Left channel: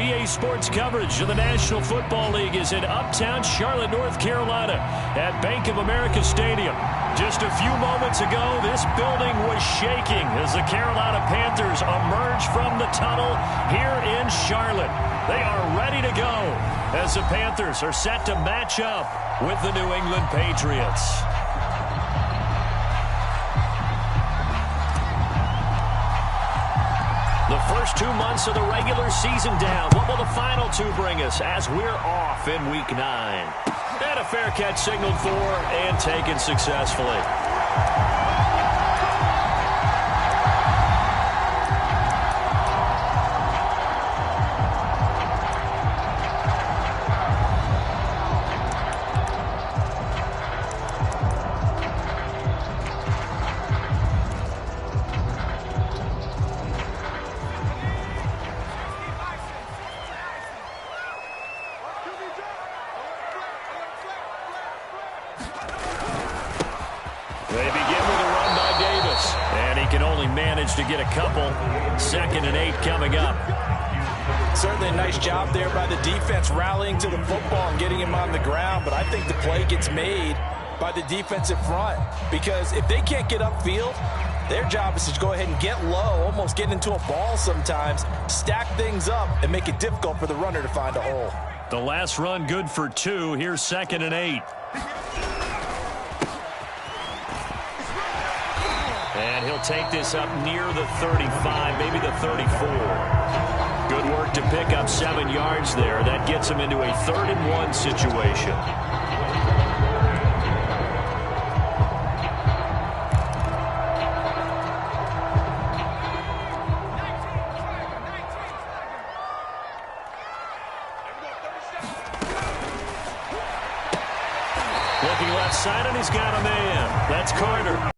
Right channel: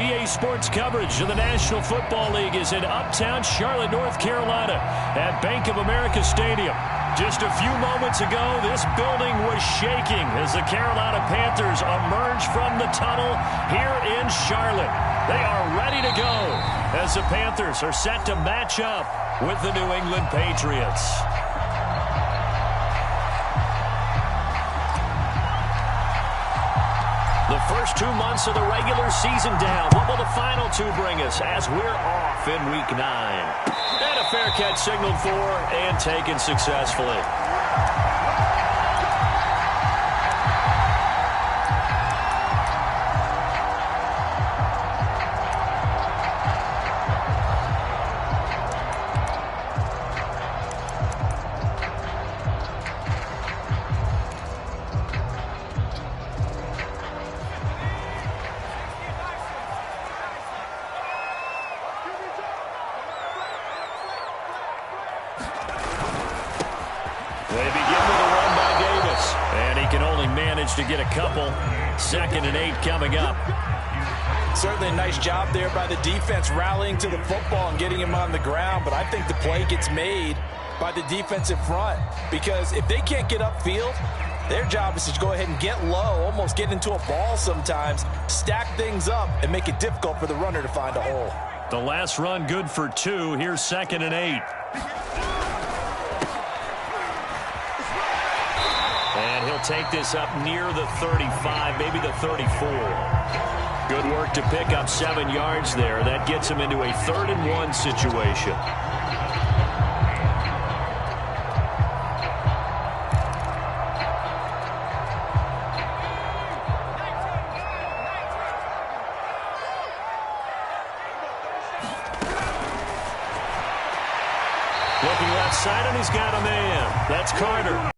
EA Sports coverage of the National Football League is in uptown Charlotte, North Carolina at Bank of America Stadium. Just a few moments ago, this building was shaking as the Carolina Panthers emerged from the tunnel here in Charlotte. They are ready to go as the Panthers are set to match up with the New England Patriots. The first 2 months of the regular season down. What will the final two bring us as we're off in Week 9? And a fair catch signaled for and taken successfully. They begin with a run by Davis, and he can only manage to get a couple. 2nd and 8 coming up. Certainly a nice job there by the defense rallying to the football and getting him on the ground, but I think the play gets made by the defensive front because if they can't get upfield, their job is to go ahead and get low, almost get into a ball sometimes, stack things up, and make it difficult for the runner to find a hole. The last run good for 2. Here's 2nd and 8. And he'll take this up near the 35, maybe the 34. Good work to pick up 7 yards there. That gets him into a 3rd and 1 situation. Looking left side, and he's got a man. That's Carter.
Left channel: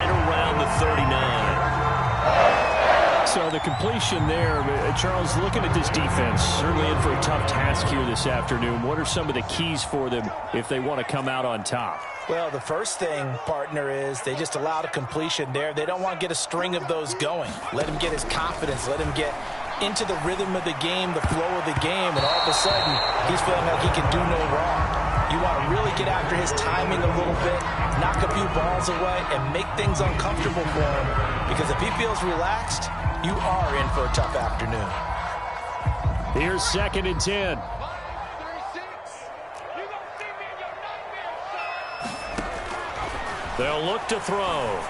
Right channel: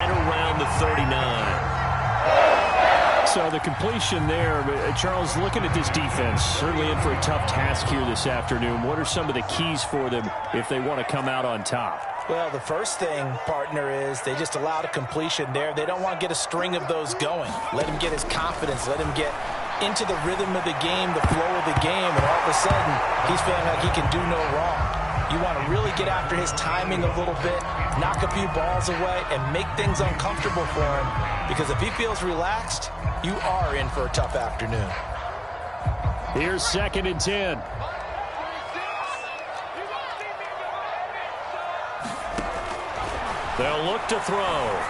Around the 39. So the completion there, Charles, looking at this defense, certainly in for a tough task here this afternoon. What are some of the keys for them if they want to come out on top? Well, the first thing, partner, is they just allowed a completion there. They don't want to get a string of those going. Let him get his confidence. Let him get into the rhythm of the game, the flow of the game, and all of a sudden, he's feeling like he can do no wrong. You want to really get after his timing a little bit, knock a few balls away, and make things uncomfortable for him. Because if he feels relaxed, you are in for a tough afternoon. Here's 2nd and 10. They'll look to throw.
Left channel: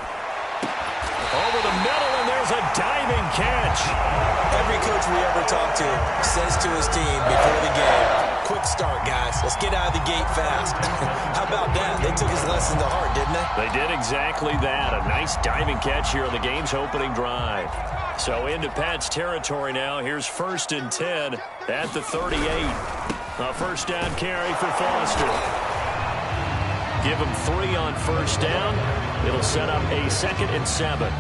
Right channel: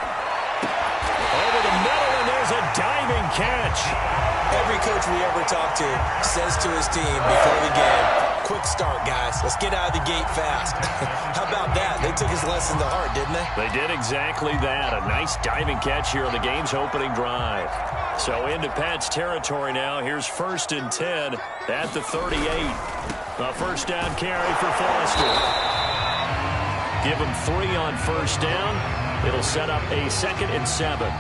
Over the middle, and there's a diving catch. Every coach we ever talk to says to his team before the game, quick start, guys. Let's get out of the gate fast. How about that? They took his lesson to heart, didn't they? They did exactly that. A nice diving catch here on the game's opening drive. So into Pat's territory now. Here's 1st and 10 at the 38. A first down carry for Foster. Give him 3 on first down. It'll set up a 2nd and 7.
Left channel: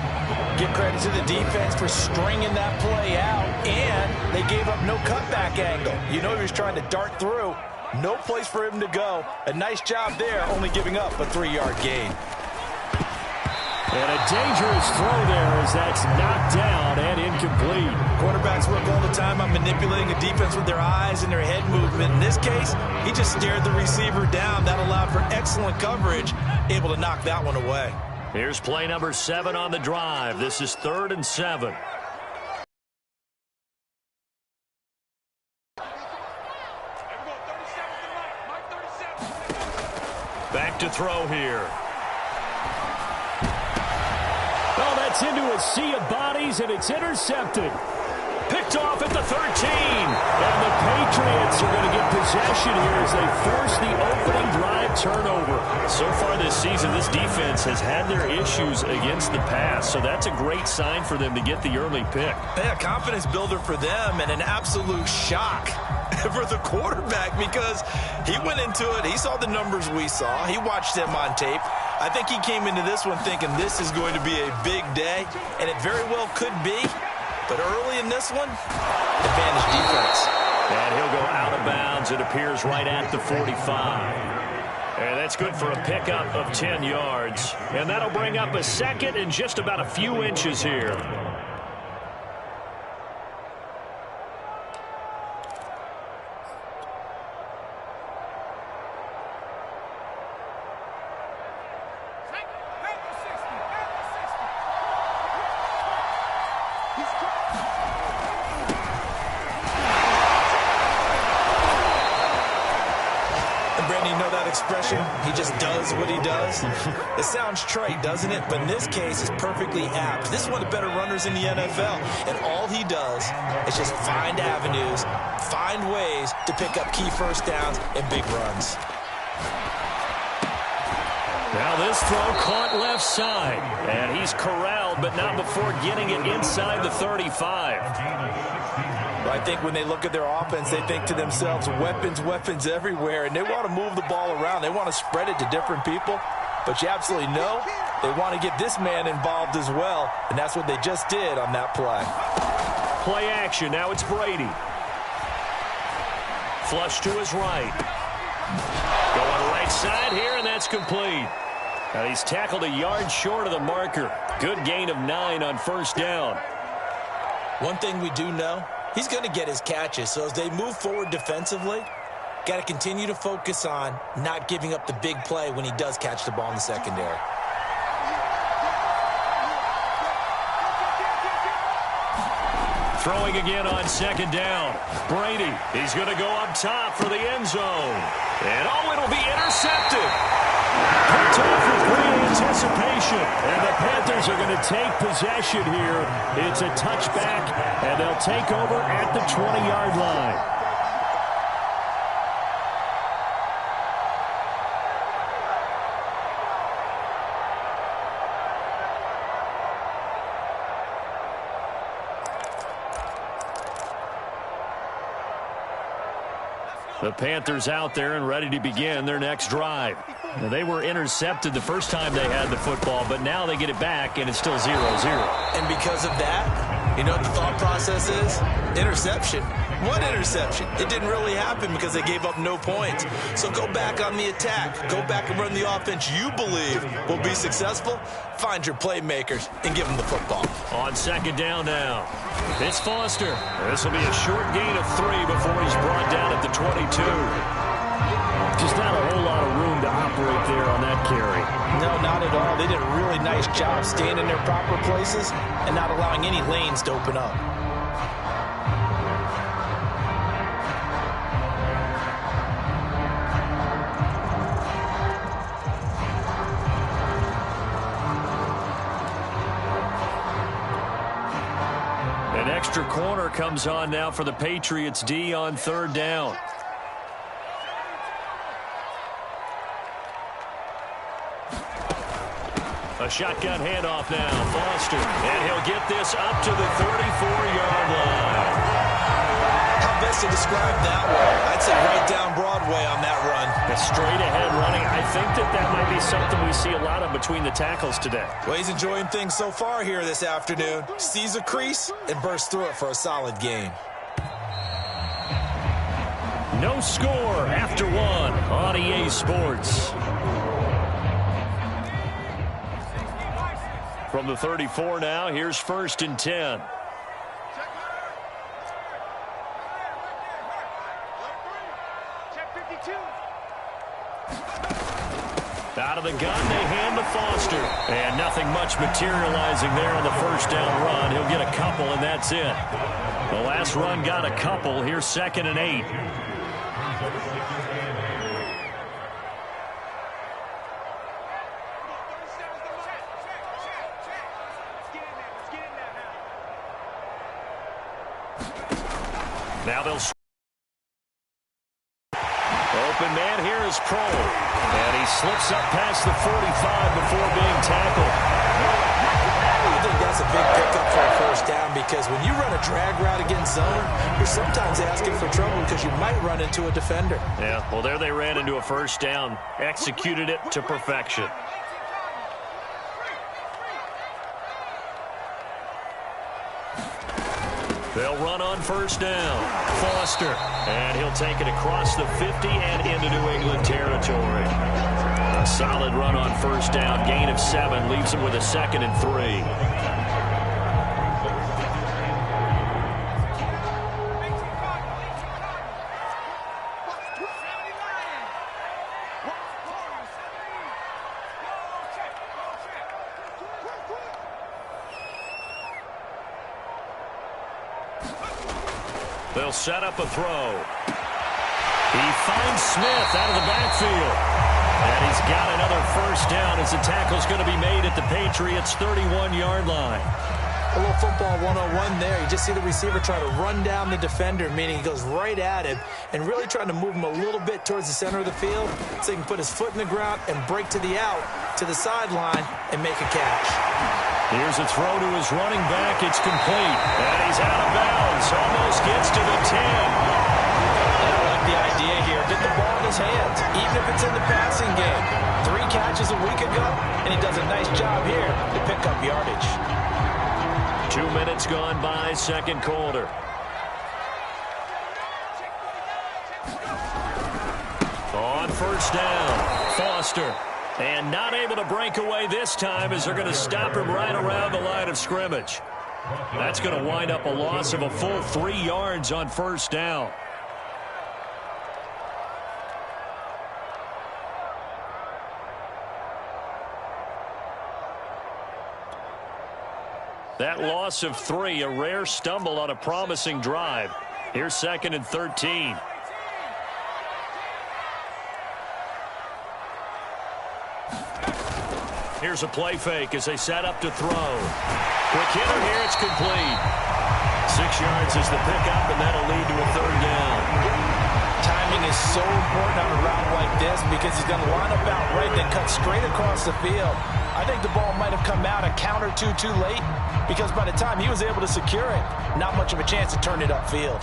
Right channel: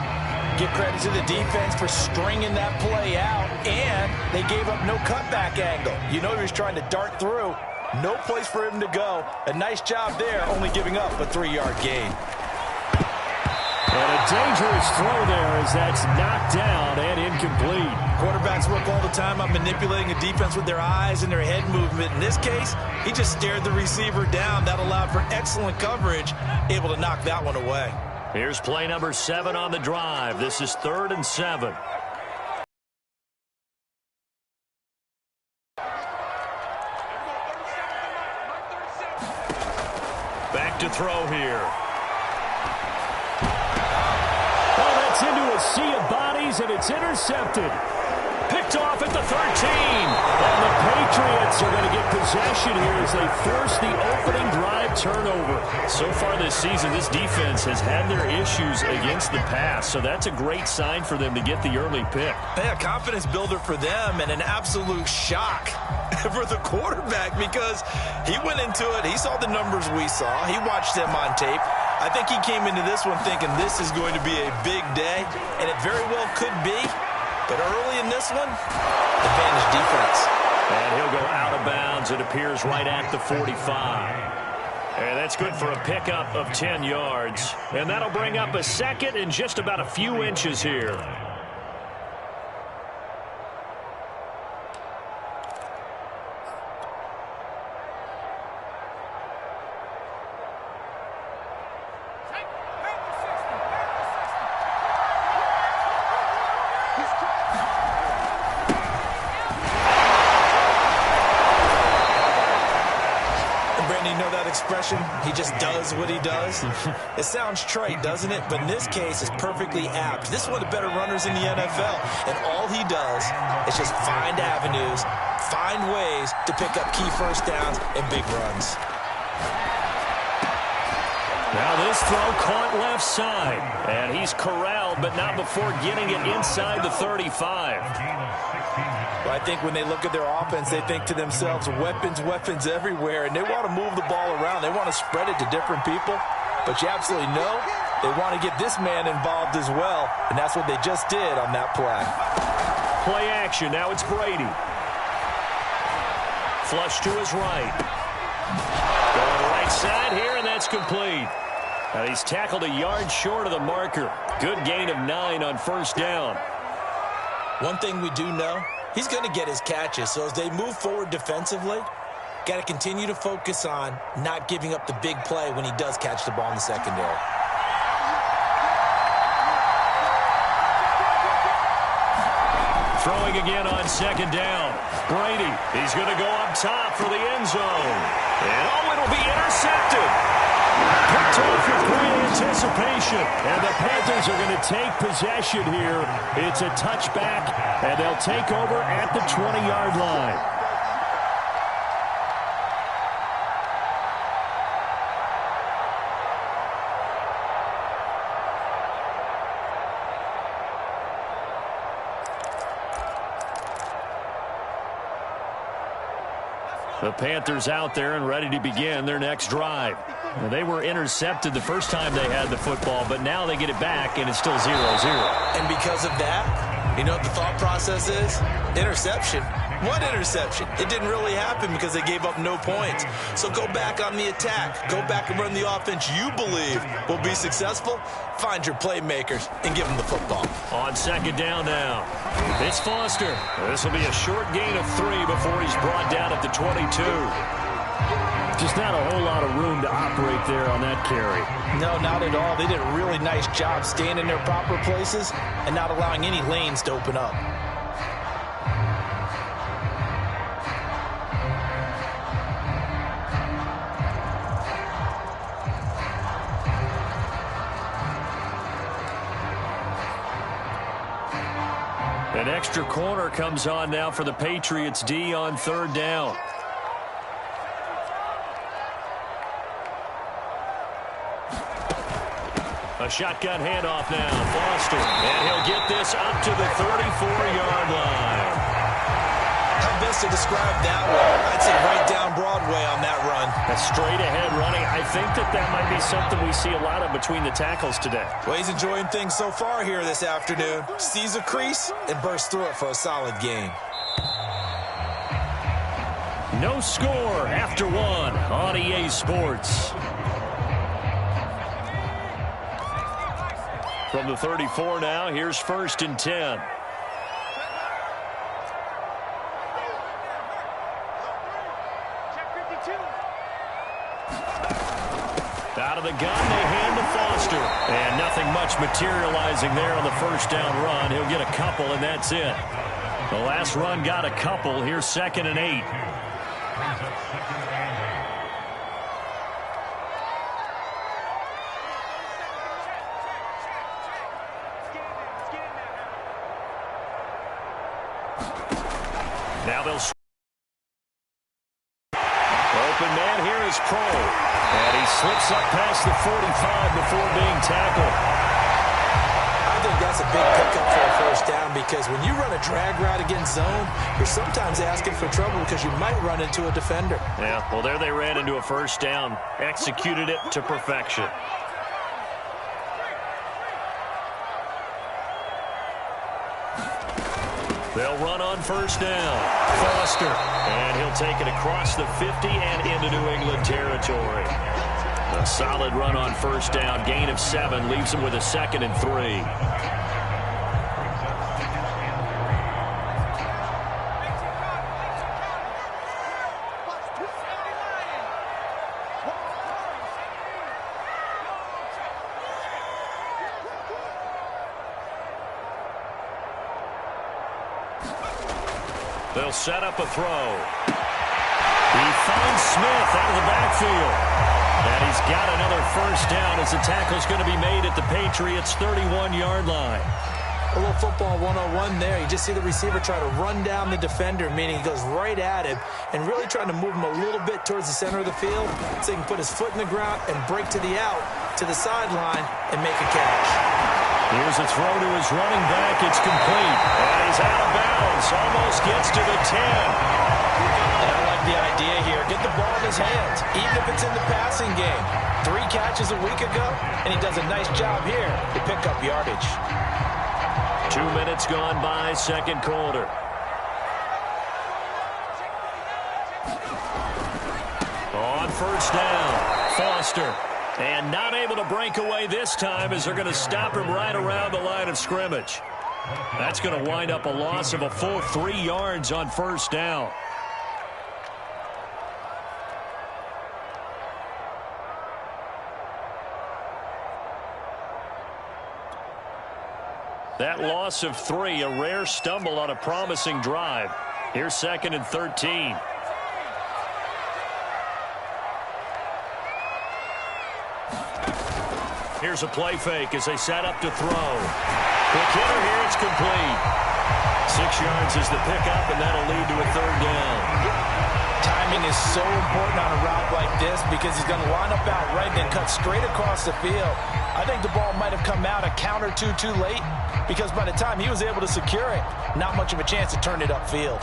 Give credit to the defense for stringing that play out, and they gave up no cutback angle. You know he was trying to dart through. No place for him to go. A nice job there, only giving up a 3-yard gain. And a dangerous throw there as that's knocked down and incomplete. Quarterbacks work all the time on manipulating a defense with their eyes and their head movement. In this case, he just stared the receiver down. That allowed for excellent coverage, able to knock that one away. Here's play number 7 on the drive. This is 3rd and 7. Back to throw here. Oh, that's into a sea of bodies, and it's intercepted. Picked off at the 13. And the Patriots are going to get possession here as they force the opening drive turnover. So far this season, this defense has had their issues against the pass. So that's a great sign for them to get the early pick. Yeah, confidence builder for them and an absolute shock for the quarterback because he went into it. He saw the numbers we saw. He watched them on tape. I think he came into this one thinking this is going to be a big day, and it very well could be. But early in this one, advantage defense. And he'll go out of bounds. It appears right at the 45. And that's good for a pickup of 10 yards. And that'll bring up a 2nd and just about a few inches here. you know that expression, he just does what he does? It sounds trite, doesn't it? But in this case, it's perfectly apt. This is one of the better runners in the NFL, and all he does is just find avenues, find ways to pick up key first downs and big runs. Now this throw caught left side, and he's corralled, but not before getting it inside the 35. Well, I think when they look at their offense, they think to themselves, weapons, weapons everywhere, and they want to move the ball around. They want to spread it to different people, but you absolutely know they want to get this man involved as well, and that's what they just did on that play. Play action. Now it's Brady. Flush to his right. Going right side here, and that's complete. And he's tackled a yard short of the marker. Good gain of 9 on first down. One thing we do know, he's going to get his catches. So as they move forward defensively, got to continue to focus on not giving up the big play when he does catch the ball in the secondary. Throwing again on second down. Brady, he's going to go up top for the end zone. And oh, it'll be intercepted. Picked off with great anticipation. And the Panthers are going to take possession here. It's a touchback, and they'll take over at the 20-yard line. The Panthers out there and ready to begin their next drive. Now, they were intercepted the first time they had the football, but now they get it back, and it's still 0-0. And because of that, you know what the thought process is? Interception. What interception? It didn't really happen because they gave up no points. So go back on the attack. Go back and run the offense you believe will be successful. Find your playmakers and give them the football. On second down now. It's Foster. This will be a short gain of 3 before he's brought down at the 22. Just not a whole lot of room to operate there on that carry. No, not at all. They did a really nice job staying in their proper places and not allowing any lanes to open up. An extra corner comes on now for the Patriots D on third down. A shotgun handoff now. Foster. And he'll get this up to the 34-yard line. How best to describe that one? I'd say right down Broadway on that run. A straight ahead running. I think that might be something we see a lot of between the tackles today. Well, he's enjoying things so far here this afternoon. Sees a crease and bursts through it for a solid gain. No score after 1 on EA Sports. From the 34 now, here's 1st and 10. Out of the gun, they hand to Foster. And nothing much materializing there on the first down run. He'll get a couple, and that's it. The last run got a couple. Here's 2nd and 8. Now they'll... Open man here is Pro. And he slips up past the 45 before being tackled. I think that's a big pickup for a first down because when you run a drag route against zone, you're sometimes asking for trouble because you might run into a defender. Yeah, well, there they ran into a first down. Executed it to perfection. They'll run on first down. Foster. And he'll take it across the 50 and into New England territory. A solid run on first down. Gain of 7 leaves him with a 2nd and 3. They'll set up a throw. He finds Smith out of the backfield. And he's got another first down as the tackle's going to be made at the Patriots' 31-yard line. A little football 101 there. You just see the receiver try to run down the defender, meaning he goes right at him and really trying to move him a little bit towards the center of the field so he can put his foot in the ground and break to the out, to the sideline, and make a catch. Here's a throw to his running back. It's complete. And he's out of bounds. Almost gets to the 10. And I like the idea here. Get the ball in his hands, even if it's in the passing game. 3 catches a week ago, and he does a nice job here to pick up yardage. 2 minutes gone by, second quarter. On first down, Foster. And not able to break away this time as they're going to stop him right around the line of scrimmage. That's going to wind up a loss of a full 3 yards on first down. That loss of 3, a rare stumble on a promising drive. Here's 2nd and 13. Here's a play fake as they set up to throw. Quick hitter here, it's complete. 6 yards is the pickup, and that'll lead to a 3rd down. Timing is so important on a route like this because he's going to line up out right, then cut straight across the field. I think the ball might have come out a count or two too late because by the time he was able to secure it, not much of a chance to turn it upfield.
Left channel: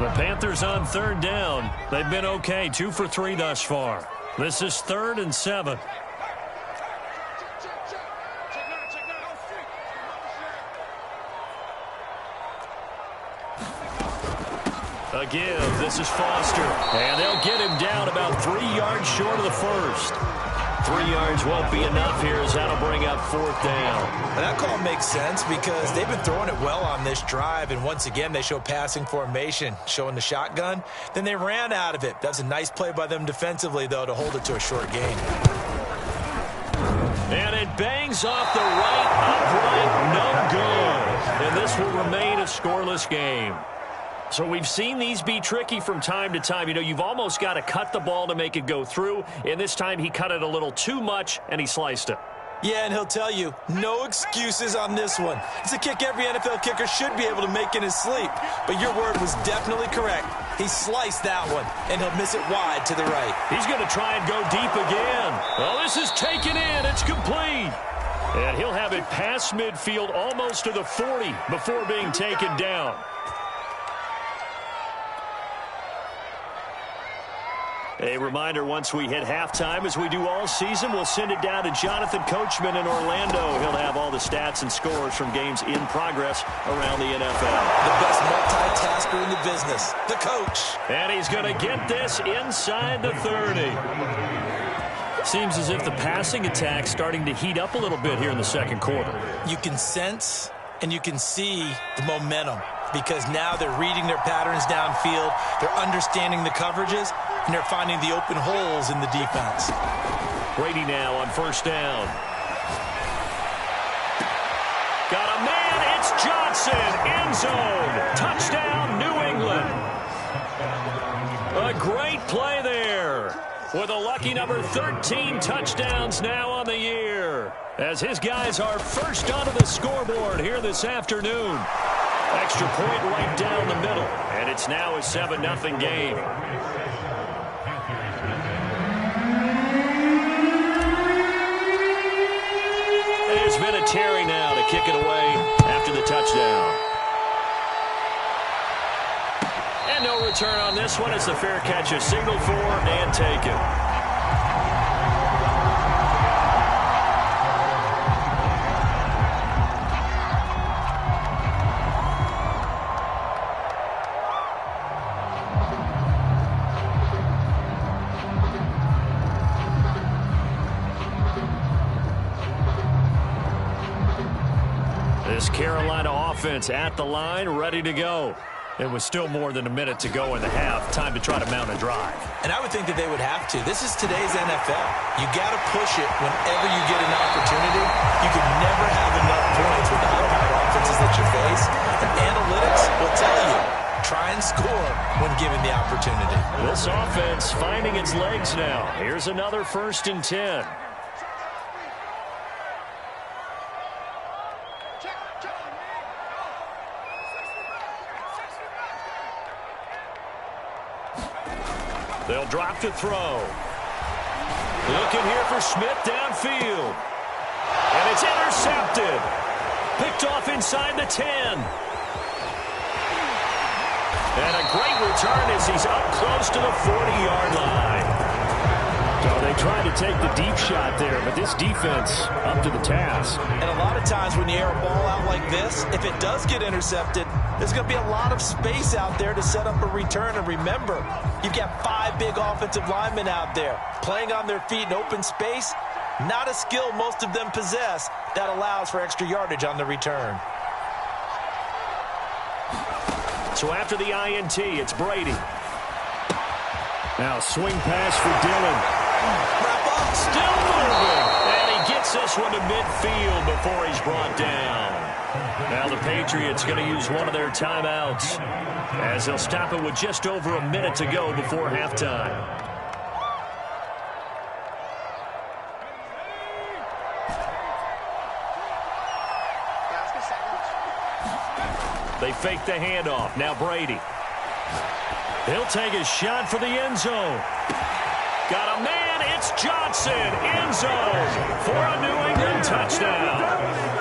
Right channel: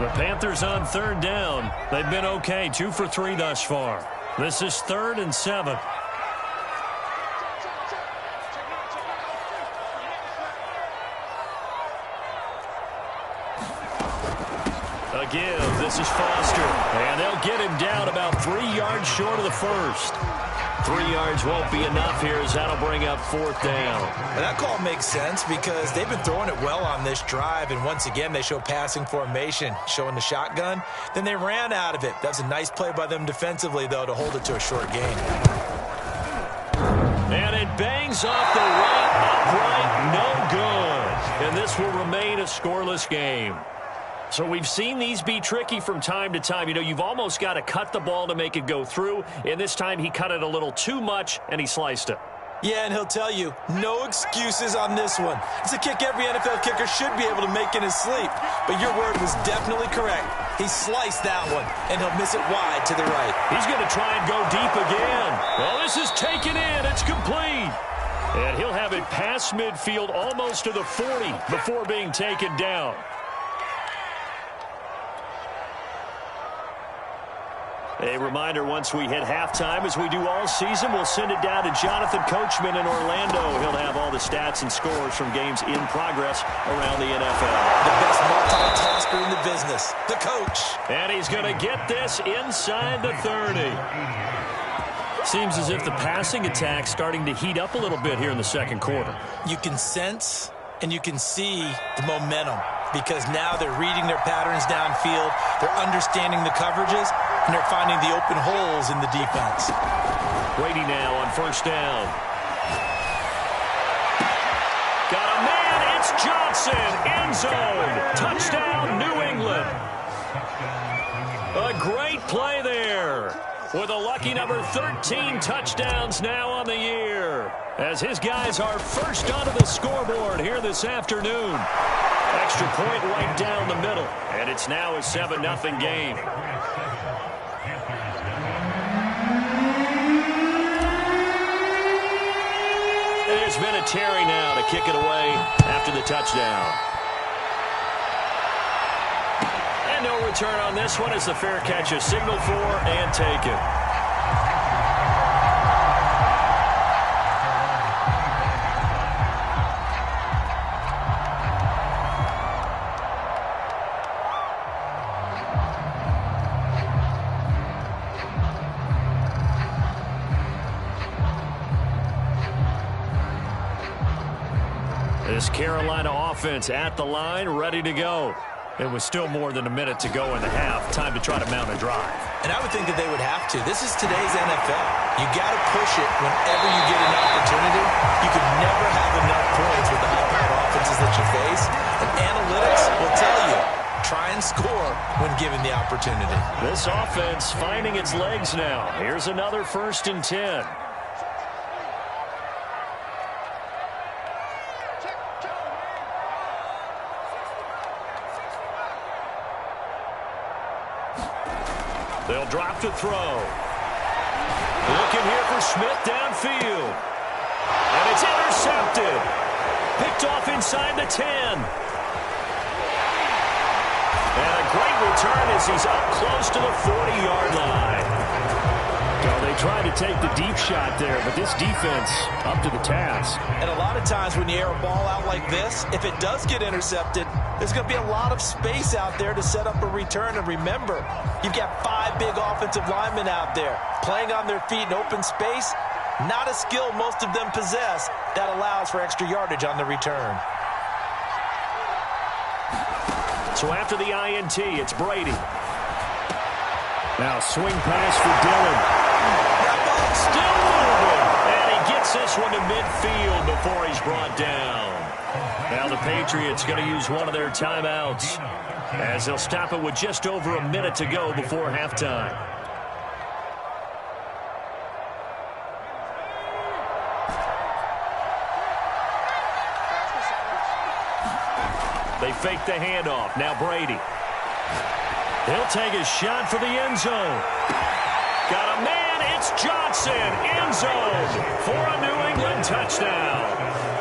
The Panthers on 3rd down. They've been okay, 2 for 3 thus far. This is 3rd and 7. A give. This is Foster. And they'll get him down about 3 yards short of the first. 3 yards won't be enough here as that'll bring up 4th down. And that call makes sense because they've been throwing it well on this drive. And once again, they show passing formation, showing the shotgun. Then they ran out of it. That's a nice play by them defensively, though, to hold it to a short gain. And it bangs off the right upright. No good. And this will remain a scoreless game. So we've seen these be tricky from time to time. You know, you've almost got to cut the ball to make it go through. And this time he cut it a little too much, and he sliced it. Yeah, and he'll tell you, no excuses on this one. It's a kick every NFL kicker should be able to make in his sleep. But your word was definitely correct. He sliced that one, and he'll miss it wide to the right. He's going to try and go deep again. Well, this is taken in. It's complete. And he'll have it past midfield almost to the 40 before being taken down. A reminder, once we hit halftime, as we do all season, we'll send it down to Jonathan Coachman in Orlando. He'll have all the stats and scores from games in progress around the NFL. The best multitasker in the business, the coach. And he's going to get this inside the 30. Seems as if the passing attack's starting to heat up a little bit here in the second quarter. You can sense and you can see the momentum because now they're reading their patterns downfield, they're understanding the coverages, and they're finding the open holes in the defense. Brady now on first down. Got a man, it's Johnson, end zone, touchdown, New England. A great play there with a lucky number 13 touchdowns now on the year as his guys are first onto the scoreboard here this afternoon. Extra point right down the middle, and it's now a 7-0 game. And there's Vinatieri now to kick it away after the touchdown. And no return on this one as the fair catch is signaled for and taken. This Carolina offense at the line, ready to go. It was still more than a minute to go in the half. Time to try to mount a drive. And I would think that they would have to. This is today's NFL. You got to push it whenever you get an opportunity. You could never have enough points with the high-powered offenses that you try and score when given the opportunity. This offense finding its legs now. Here's another 1st and 10. They'll drop to throw. Looking here for Smith downfield. And it's intercepted. Picked off inside the 10. And a great return as he's up close to the 40-yard line. So they tried to take the deep shot there, but this defense up to the task. And a lot of times when you air a ball out like this, if it does get intercepted, there's going to be a lot of space out there to set up a return. And remember, you've got 5 big offensive linemen out there playing on their feet in open space. Not a skill most of them possess that allows for extra yardage on the return. So after the INT, it's Brady. Now swing pass for Dillon. Wrap up, still moving. And he gets this one to midfield before he's brought down. Now the Patriots going to use one of their timeouts as they'll stop it with just over a minute to go before halftime. They fake the handoff. Now Brady. He'll take a shot for the end zone. Got a man. It's Johnson. End zone for a New England touchdown.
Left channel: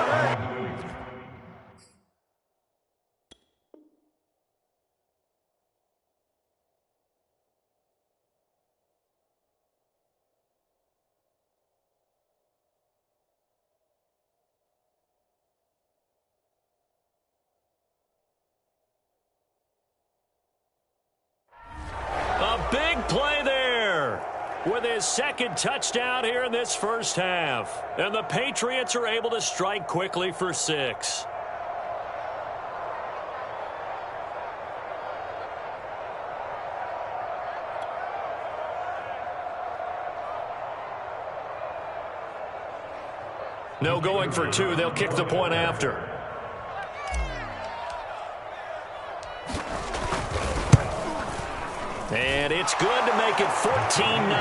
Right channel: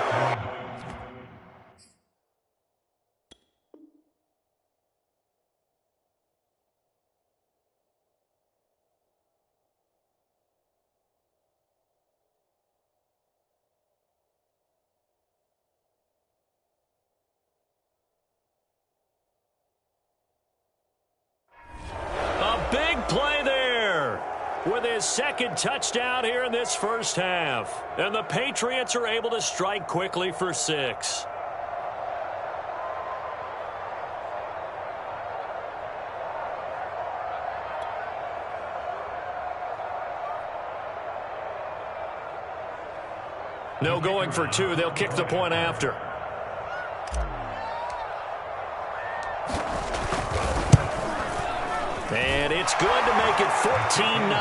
A big play there with his 2nd touchdown here in this first half. And the Patriots are able to strike quickly for 6. No going for 2. They'll kick the point after. And it's good to make it 14-0.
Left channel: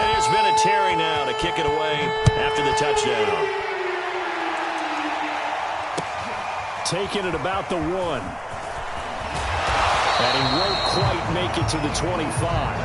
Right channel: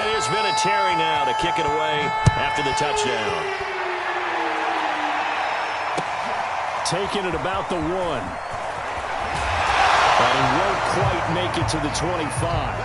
And there's been a Terry now to kick it away after the touchdown. Taking it about the 1. And he won't quite make it to the 25.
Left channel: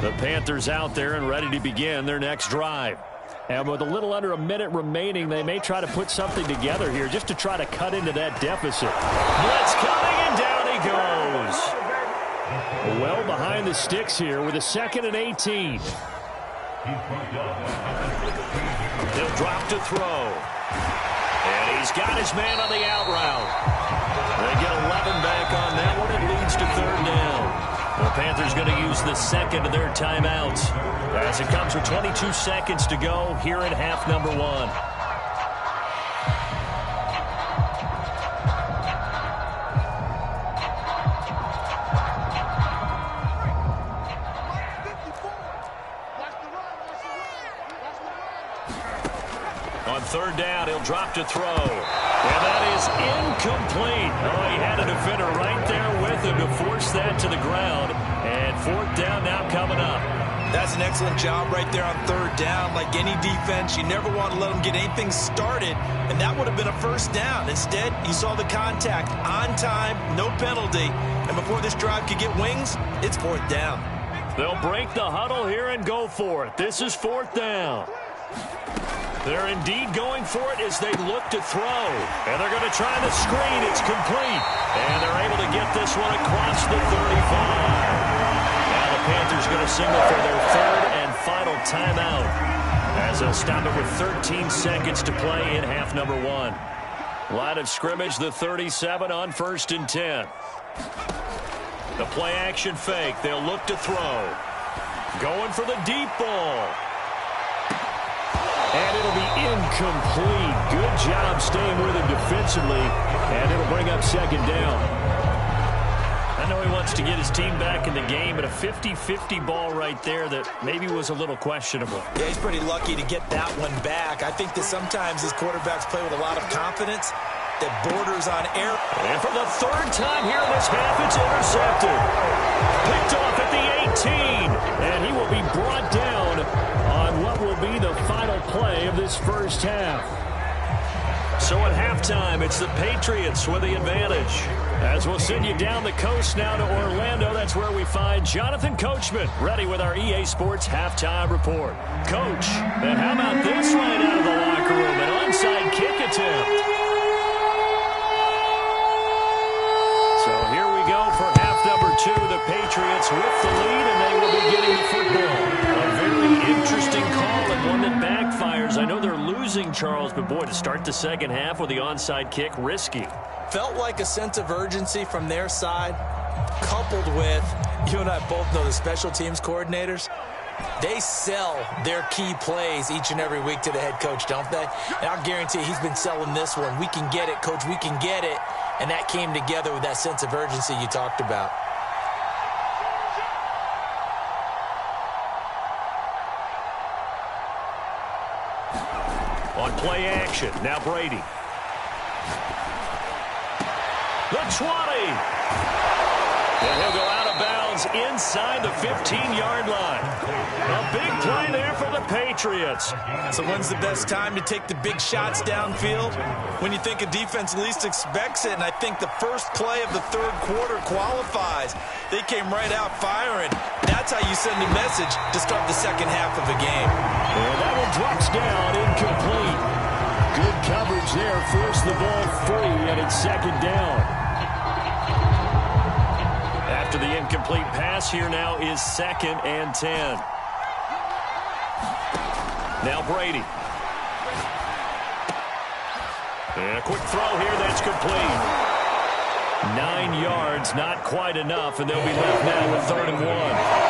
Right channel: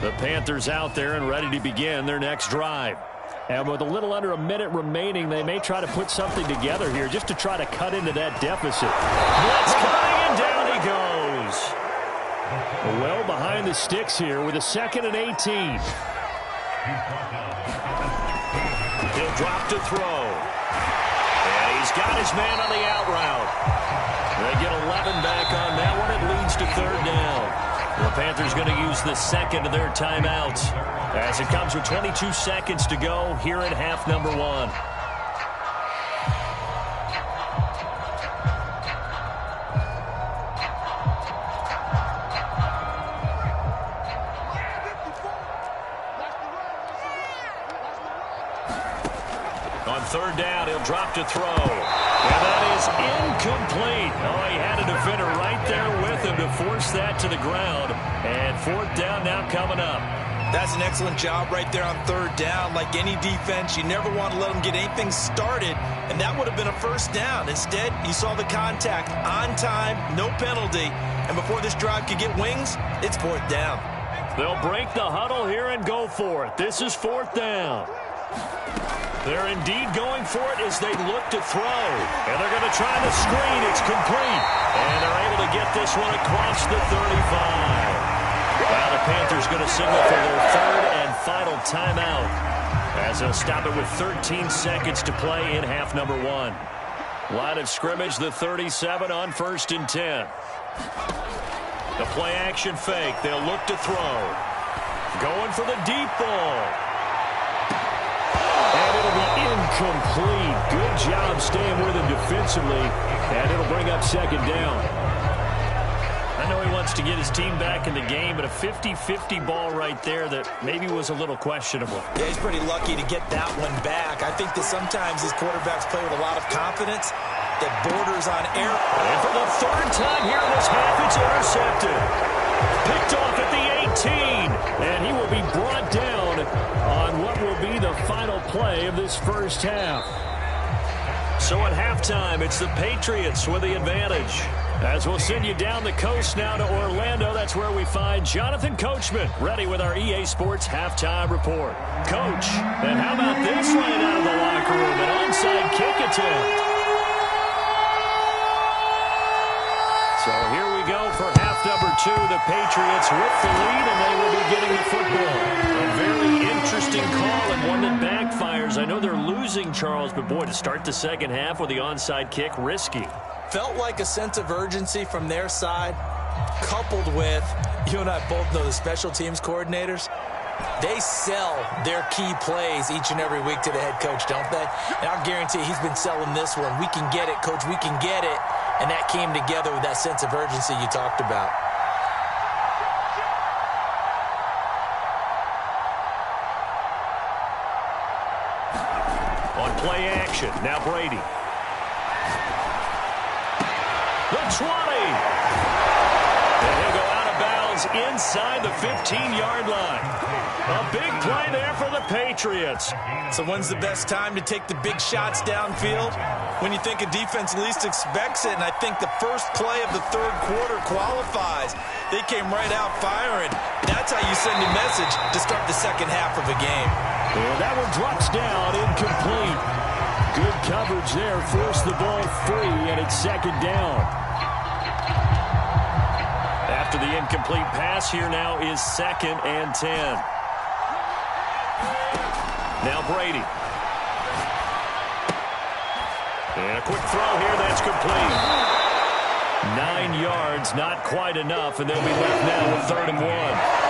The Panthers out there and ready to begin their next drive. And with a little under a minute remaining, they may try to put something together here just to try to cut into that deficit. Blitz coming, and down he goes. Well behind the sticks here with a 2nd and 18. He'll drop to throw. And he's got his man on the out route. They get 11 back on that one. It leads to 3rd down. The Panthers going to use the 2nd of their timeouts as it comes with 22 seconds to go here in half number 1. On 3rd down, he'll drop to throw. And that is incomplete. Oh, he had a defender right there with him to force that to the ground. And 4th down now coming up. That's an excellent job right there on 3rd down. Like any defense, you never want to let them get anything started, and that would have been a 1st down. Instead, you saw the contact on time, no penalty, and before this drive could get wings, it's 4th down. They'll break the huddle here and go for it. This is 4th down. They're indeed going for it as they look to throw. And they're going to try the screen. It's complete. And they're able to get this one across the 35. Now the Panthers going to signal for their 3rd and final timeout. as they'll stop it with 13 seconds to play in half number 1. Line of scrimmage, the 37 on 1st and 10. The play action fake. They'll look to throw. Going for the deep ball. And it'll be incomplete. Good job staying with him defensively. And it'll bring up 2nd down. I know he wants to get his team back in the game, but a 50-50 ball right there that maybe was a little questionable. Yeah, he's pretty lucky to get that one back. I think that sometimes these quarterbacks play with a lot of confidence that borders on error. And for the 3rd time here in this half, it's intercepted. Picked off at the 18. And he will be brought down on what will be the final play of this first half. So at halftime, it's the Patriots with the advantage. As we'll send you down the coast now to Orlando, that's where we find Jonathan Coachman, ready with our EA Sports Halftime Report. Coach, and how about this right out of the locker room? An onside kick attempt. So here we go for half number 2. The Patriots with the lead, and they will be getting the football. A very interesting call and one that backfires. I know they're losing, Charles, but boy, to start the second half with the onside kick, risky. Felt like a sense of urgency from their side, coupled with, you and I both know the special teams coordinators, they sell their key plays each and every week to the head coach, don't they? And I'll guarantee he's been selling this one. We can get it, coach, we can get it. And that came together with that sense of urgency you talked about. On play action, now Brady. The 20. And he'll go out of bounds inside the 15-yard line. A big play there for the Patriots. So when's the best time to take the big shots downfield? When you think a defense least expects it, and I think the first play of the 3rd quarter qualifies. They came right out firing. That's how you send a message to start the second half of a game. And that one drops down, incomplete. Good coverage there, forced the ball free, and it's 2nd down. After the incomplete pass, here now is 2nd and 10. Now Brady. And a quick throw here, that's complete. 9 yards, not quite enough, and they'll be left now with 3rd and 1.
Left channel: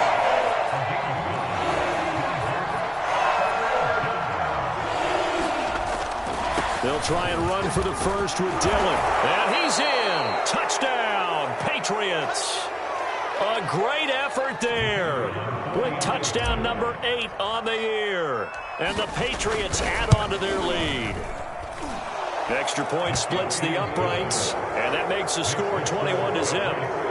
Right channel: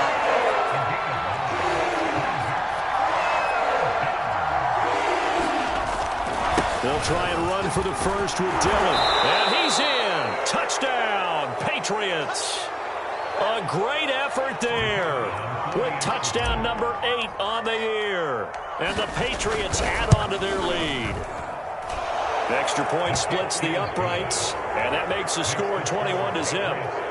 They'll try and run for the first with Dillon. And he's in. Touchdown, Patriots. A great effort there with touchdown number 8 on the year. And the Patriots add on to their lead. Extra point splits the uprights, and that makes the score 21-0.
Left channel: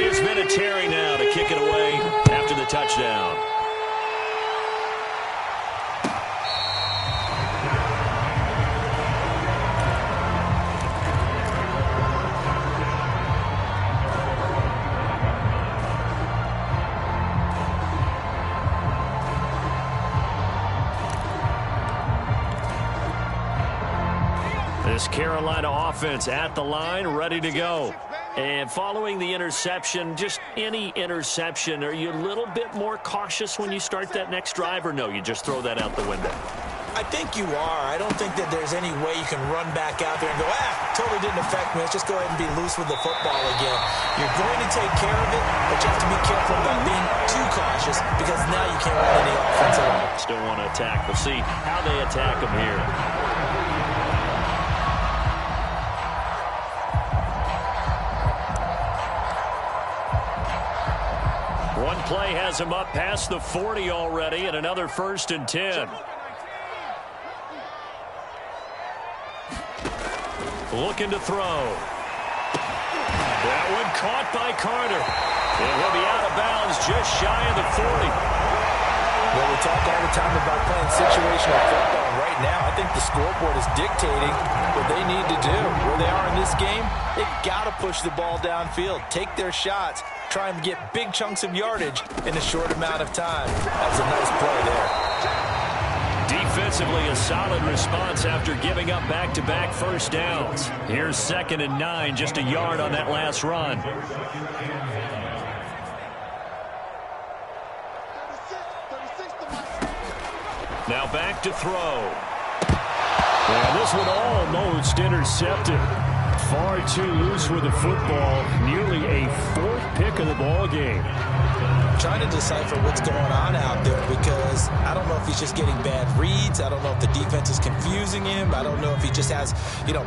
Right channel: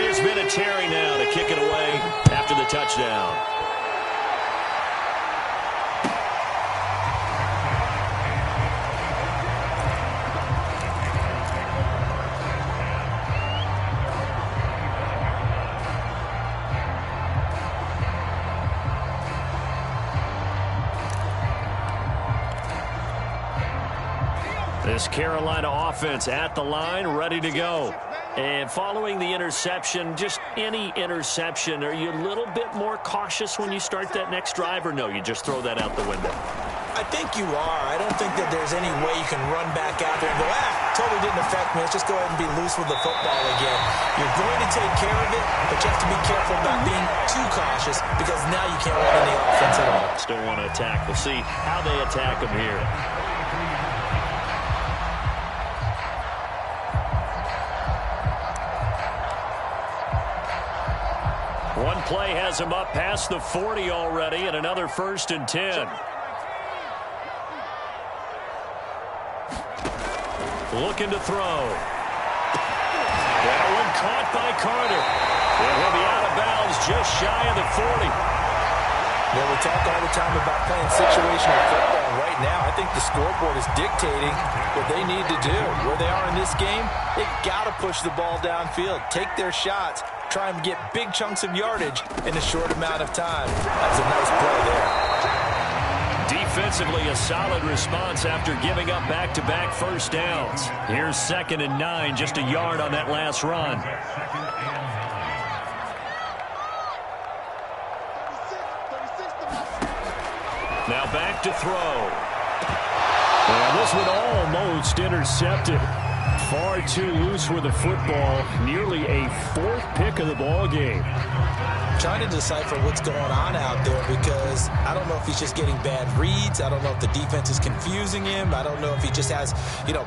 It's been a Terry now to kick it away after the touchdown. This Carolina offense at the line, ready to go. And following the interception, just any interception, are you a little bit more cautious when you start that next drive, or no, you just throw that out the window? I think you are. I don't think that there's any way you can run back out there and go, totally didn't affect me. Let's just go ahead and be loose with the football again. You're going to take care of it, but you have to be careful about being too cautious because now you can't run any offense at all. Still want to attack. We'll see how they attack them here. One play has him up past the 40 already, and another 1st and 10. Looking to throw. That one caught by Carter. And he'll be out of bounds just shy of the 40. Well, we talk all the time about playing situational football. And right now, I think the scoreboard is dictating what they need to do. Where they are in this game, they've got to push the ball downfield, take their shots, try and get big chunks of yardage in a short amount of time. That was a nice play there. Defensively, a solid response after giving up back-to-back first downs. Here's 2nd and 9, just a yard on that last run. Now back to throw. And this one almost intercepted. Far too loose with the football. Nearly a 4th pick of the ball game. Trying to decipher what's going on out there because I don't know if he's just getting bad reads. I don't know if the defense is confusing him. I don't know if he just has,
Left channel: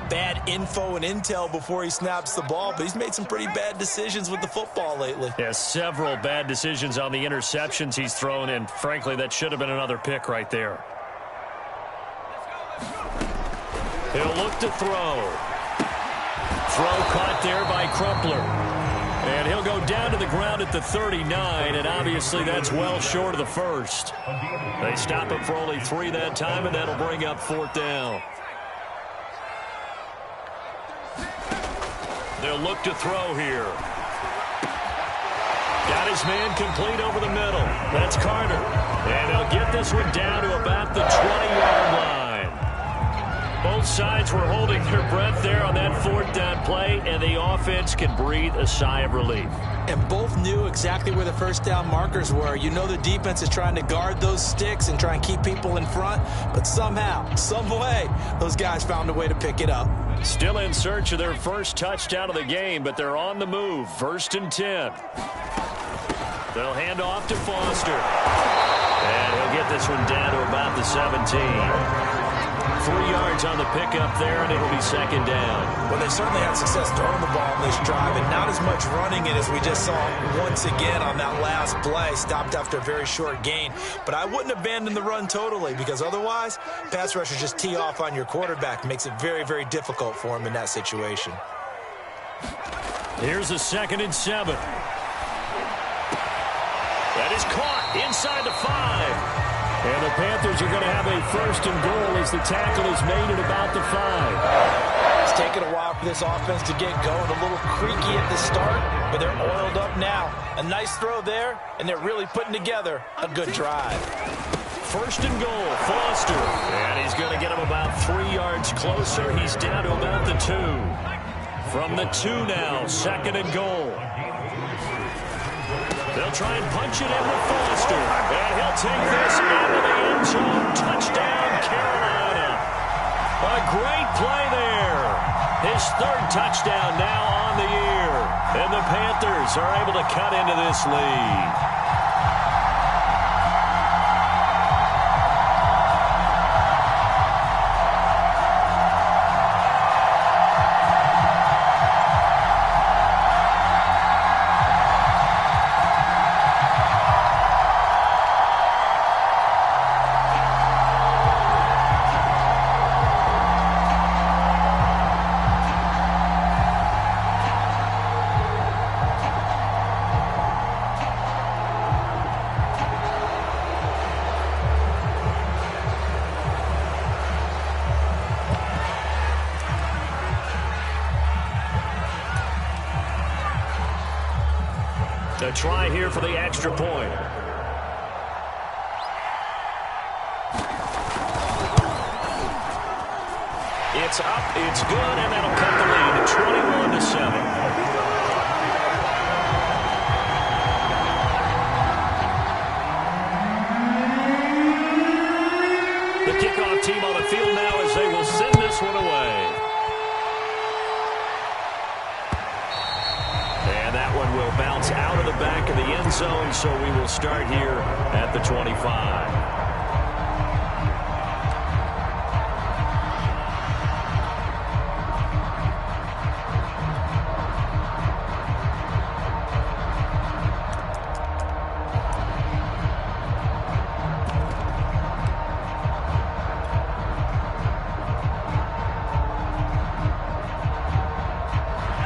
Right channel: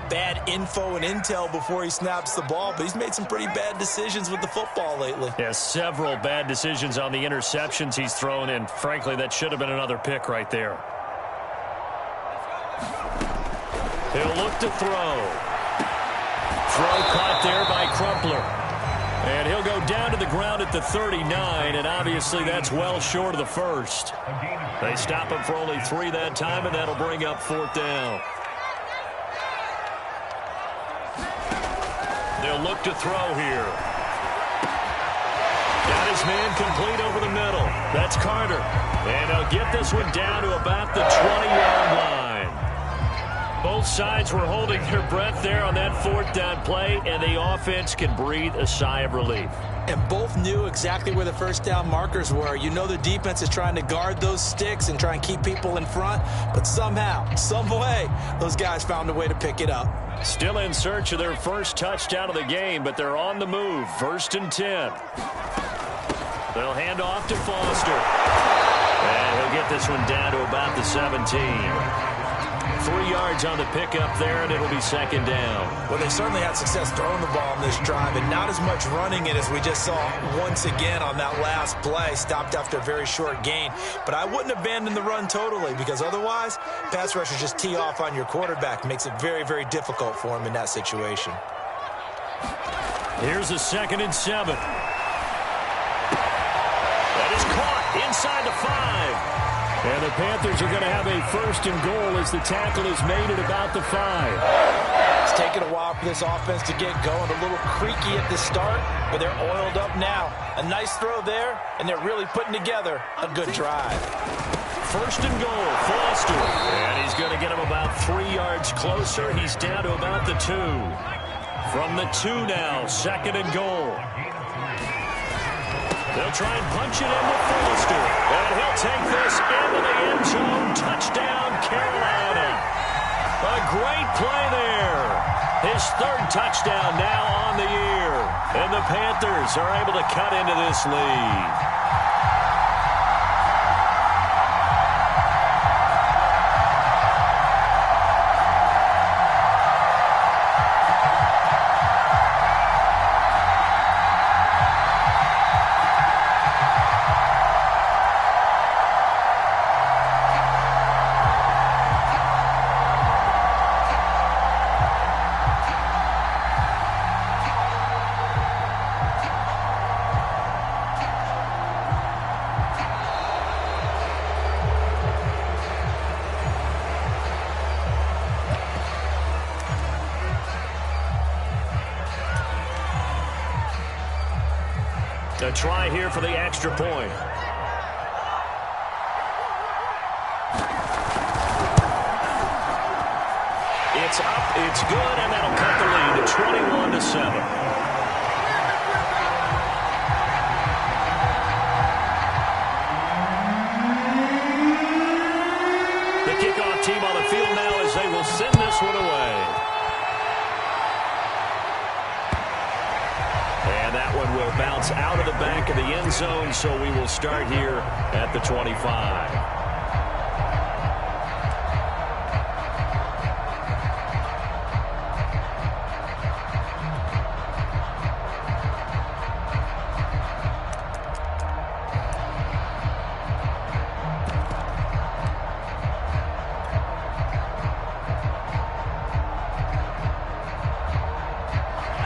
bad info and intel before he snaps the ball. But he's made some pretty bad decisions with the football lately. Yeah, several bad decisions on the interceptions he's thrown, and frankly, that should have been another pick right there. He'll look to throw. Throw caught there by Crumpler. And he'll go down to the ground at the 39, and obviously that's well short of the first. They stop him for only 3 that time, and that'll bring up 4th down. They'll look to throw here. Got his man complete over the middle. That's Carter. And they'll get this one down to about the 20-yard line. Both sides were holding their breath there on that 4th down play, and the offense can breathe a sigh of relief. And both knew exactly where the first down markers were. You know the defense is trying to guard those sticks and try and keep people in front, but somehow, some way, those guys found a way to pick it up. Still in search of their first touchdown of the game, but they're on the move. 1st and 10. They'll hand off to Foster. And he'll get this one down to about the 17. 3 yards on the pickup there, and it'll be 2nd down. Well, they certainly had success throwing the ball in this drive, and not as much running it as we just saw once again on that last play. Stopped after a very short gain. But I wouldn't abandon the run totally, because otherwise, pass rushers just tee off on your quarterback. Makes it very, very difficult for him in that situation. Here's a 2nd and 7. That is caught inside the 5. And the Panthers are going to have a 1st and goal as the tackle is made at about the 5. It's taken a while for this offense to get going. A little creaky at the start, but they're oiled up now. A nice throw there, and they're really putting together a good drive. 1st and goal, Foster. And he's going to get him about 3 yards closer. He's down to about the 2. From the 2 now, 2nd and goal. They'll try and punch it in with Foster. And he'll take this into the end zone. Touchdown, Carolina. A great play there. His 3rd touchdown now on the year. And the Panthers are able to cut into this lead. A try here for the extra point. It's up, it's good, and that'll cut the lead to 21-7. The kickoff team on the field now as they will send this one away. And that one will bounce out of the back of the end zone, so we will start here at the 25.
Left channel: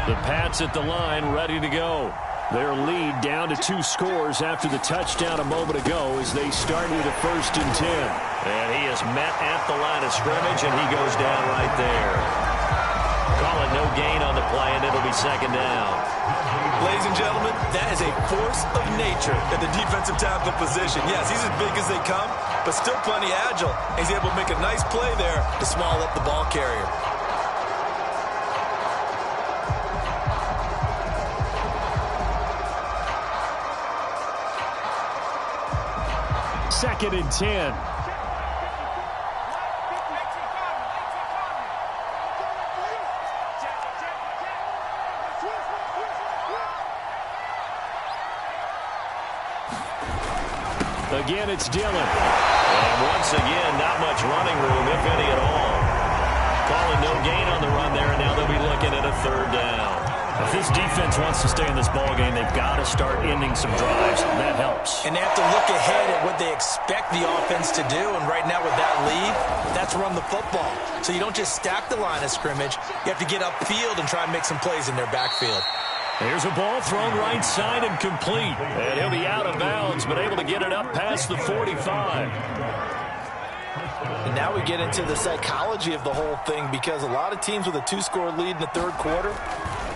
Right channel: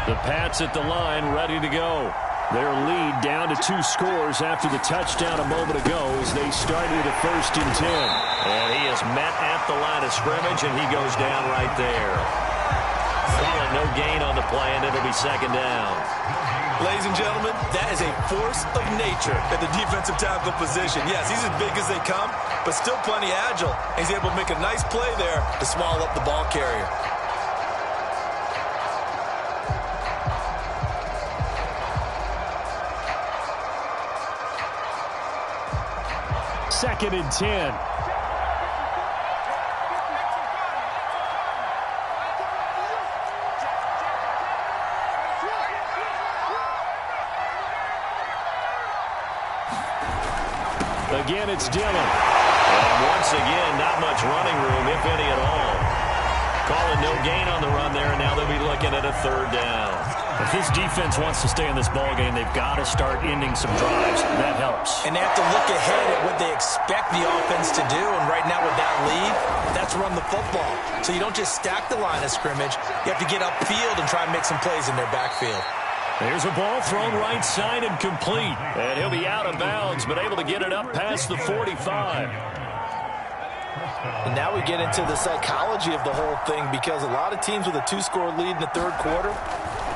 The Pats at the line, ready to go. Their lead down to 2 scores after the touchdown a moment ago as they started at 1st and 10. And he is met at the line of scrimmage, and he goes down right there. Call it no gain on the play, and it'll be second down. Ladies and gentlemen, that is a force of nature at the defensive tackle position. Yes, he's as big as they come, but still plenty agile. He's able to make a nice play there to swallow up the ball carrier. Second and 10. Again, it's Dillon. And once again, not much running room, if any at all. Calling no gain on the run there, and now they'll be looking at a third down. If this defense wants to stay in this ballgame, they've got to start ending some drives. That helps. And they have to look ahead at what they expect the offense to do. And right now with that lead, that's run the football. So you don't just stack the line of scrimmage. You have to get upfield and try and make some plays in their backfield. There's a ball thrown right side and complete. And he'll be out of bounds, but able to get it up past the 45. And now we get into the psychology of the whole thing, because a lot of teams with a 2-score lead in the third quarter,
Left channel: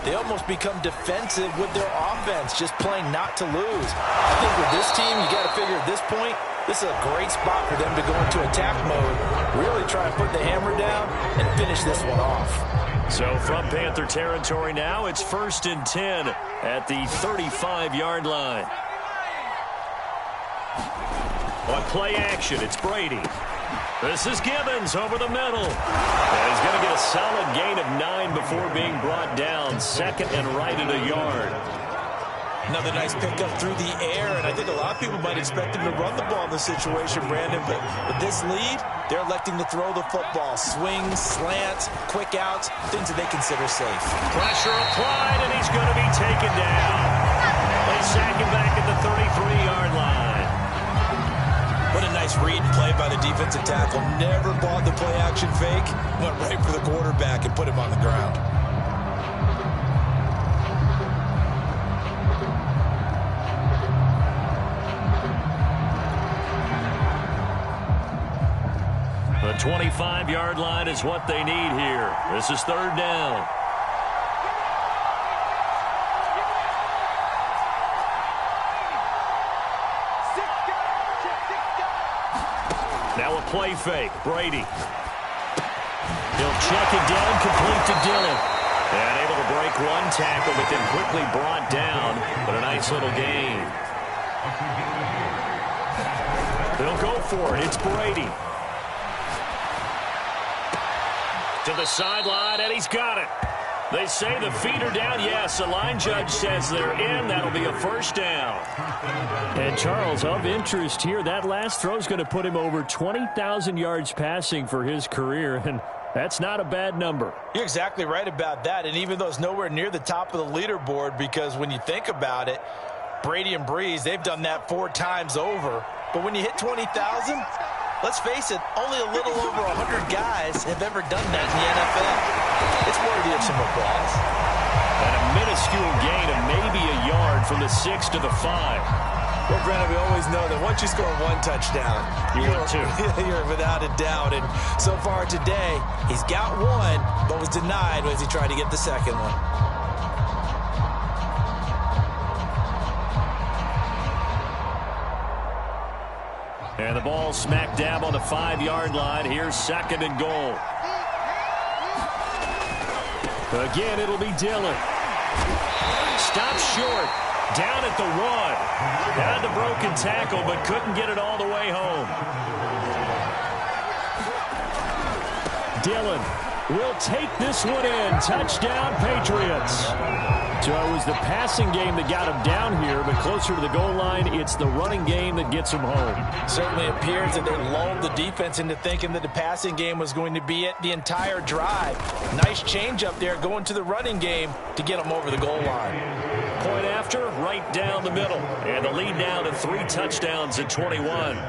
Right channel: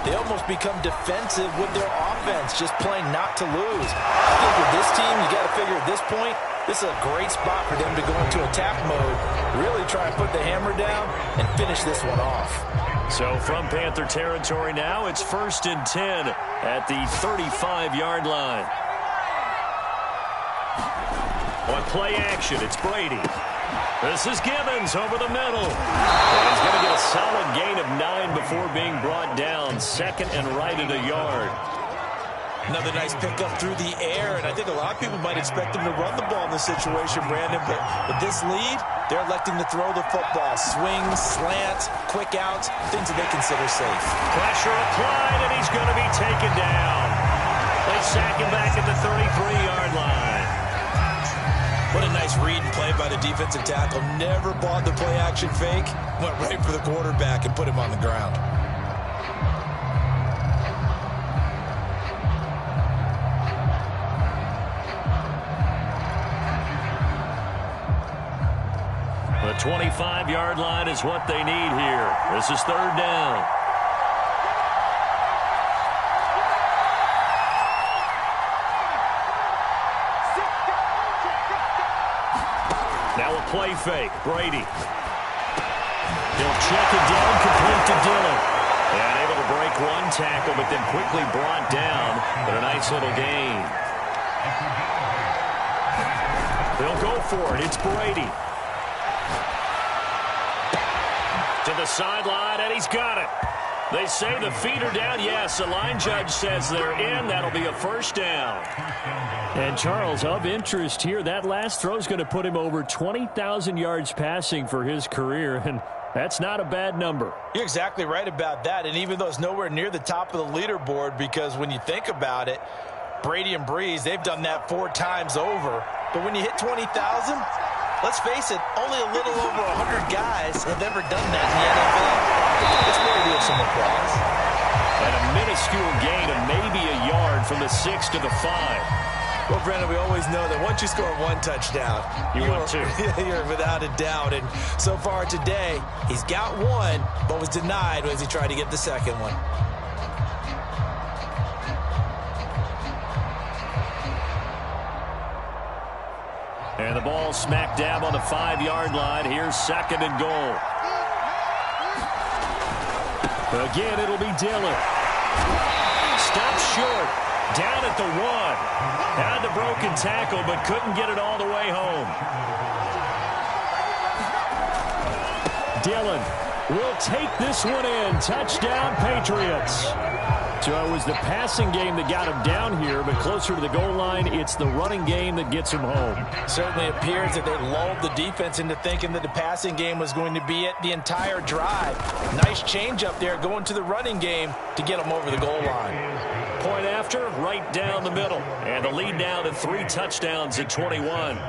they almost become defensive with their offense, just playing not to lose. I think with this team, you got to figure at this point, this is a great spot for them to go into attack mode, really try and put the hammer down and finish this one off. So from Panther territory now, it's 1st and 10 at the 35-yard line. On play action, it's Brady. This is Gibbons over the middle. And he's going to get a solid gain of 9 before being brought down. Second and right at a yard. Another nice pickup through the air, and I think a lot of people might expect him to run the ball in this situation, Brandon, but with this lead, they're electing to throw the football. Swings, slants, quick outs, things that they consider safe. Pressure applied, and he's going to be taken down. They sack him back at the 33-yard line. What a nice read and play by the defensive tackle. Never bought the play-action fake. Went right for the quarterback and put him on the ground. The 25-yard line is what they need here. This is third down. Now a play fake. Brady. He'll check it down, complete to Dillon. And able to break one tackle, but then quickly brought down. But a nice little gain. They'll go for it. It's Brady. To the sideline, and he's got it. They say the feet are down. Yes, the line judge says they're in. That'll be a first down. And Charles, of interest here, that last throw is going to put him over 20,000 yards passing for his career, and that's not a bad number. You're exactly right about that, and even though it's nowhere near the top of the leaderboard, because when you think about it, Brady and Breeze, they've done that 4 times over. But when you hit 20,000, let's face it, only a little over 100 guys have ever done that in the NFL. It's worthy of some applause. And a minuscule gain of maybe a yard from the 6 to the 5. Well, Brandon, we always know that once you score 1 touchdown, you're without a doubt. And so far today, he's got 1, but was denied as he tried to get the second one. And the ball smack dab on the 5-yard line. Here's second and goal. Again, it'll be Dillon. Stops short. Down at the 1. Had the broken tackle, but couldn't get it all the way home. Dillon will take this one in. Touchdown, Patriots. So it was the passing game that got him down here, but closer to the goal line, it's the running game that gets him home. Certainly appears that they lulled the defense into thinking that the passing game was going to be it the entire drive. Nice change up there going to the running game to get them over the goal line. Point after, right down the middle. And the lead now to 3 touchdowns at 21.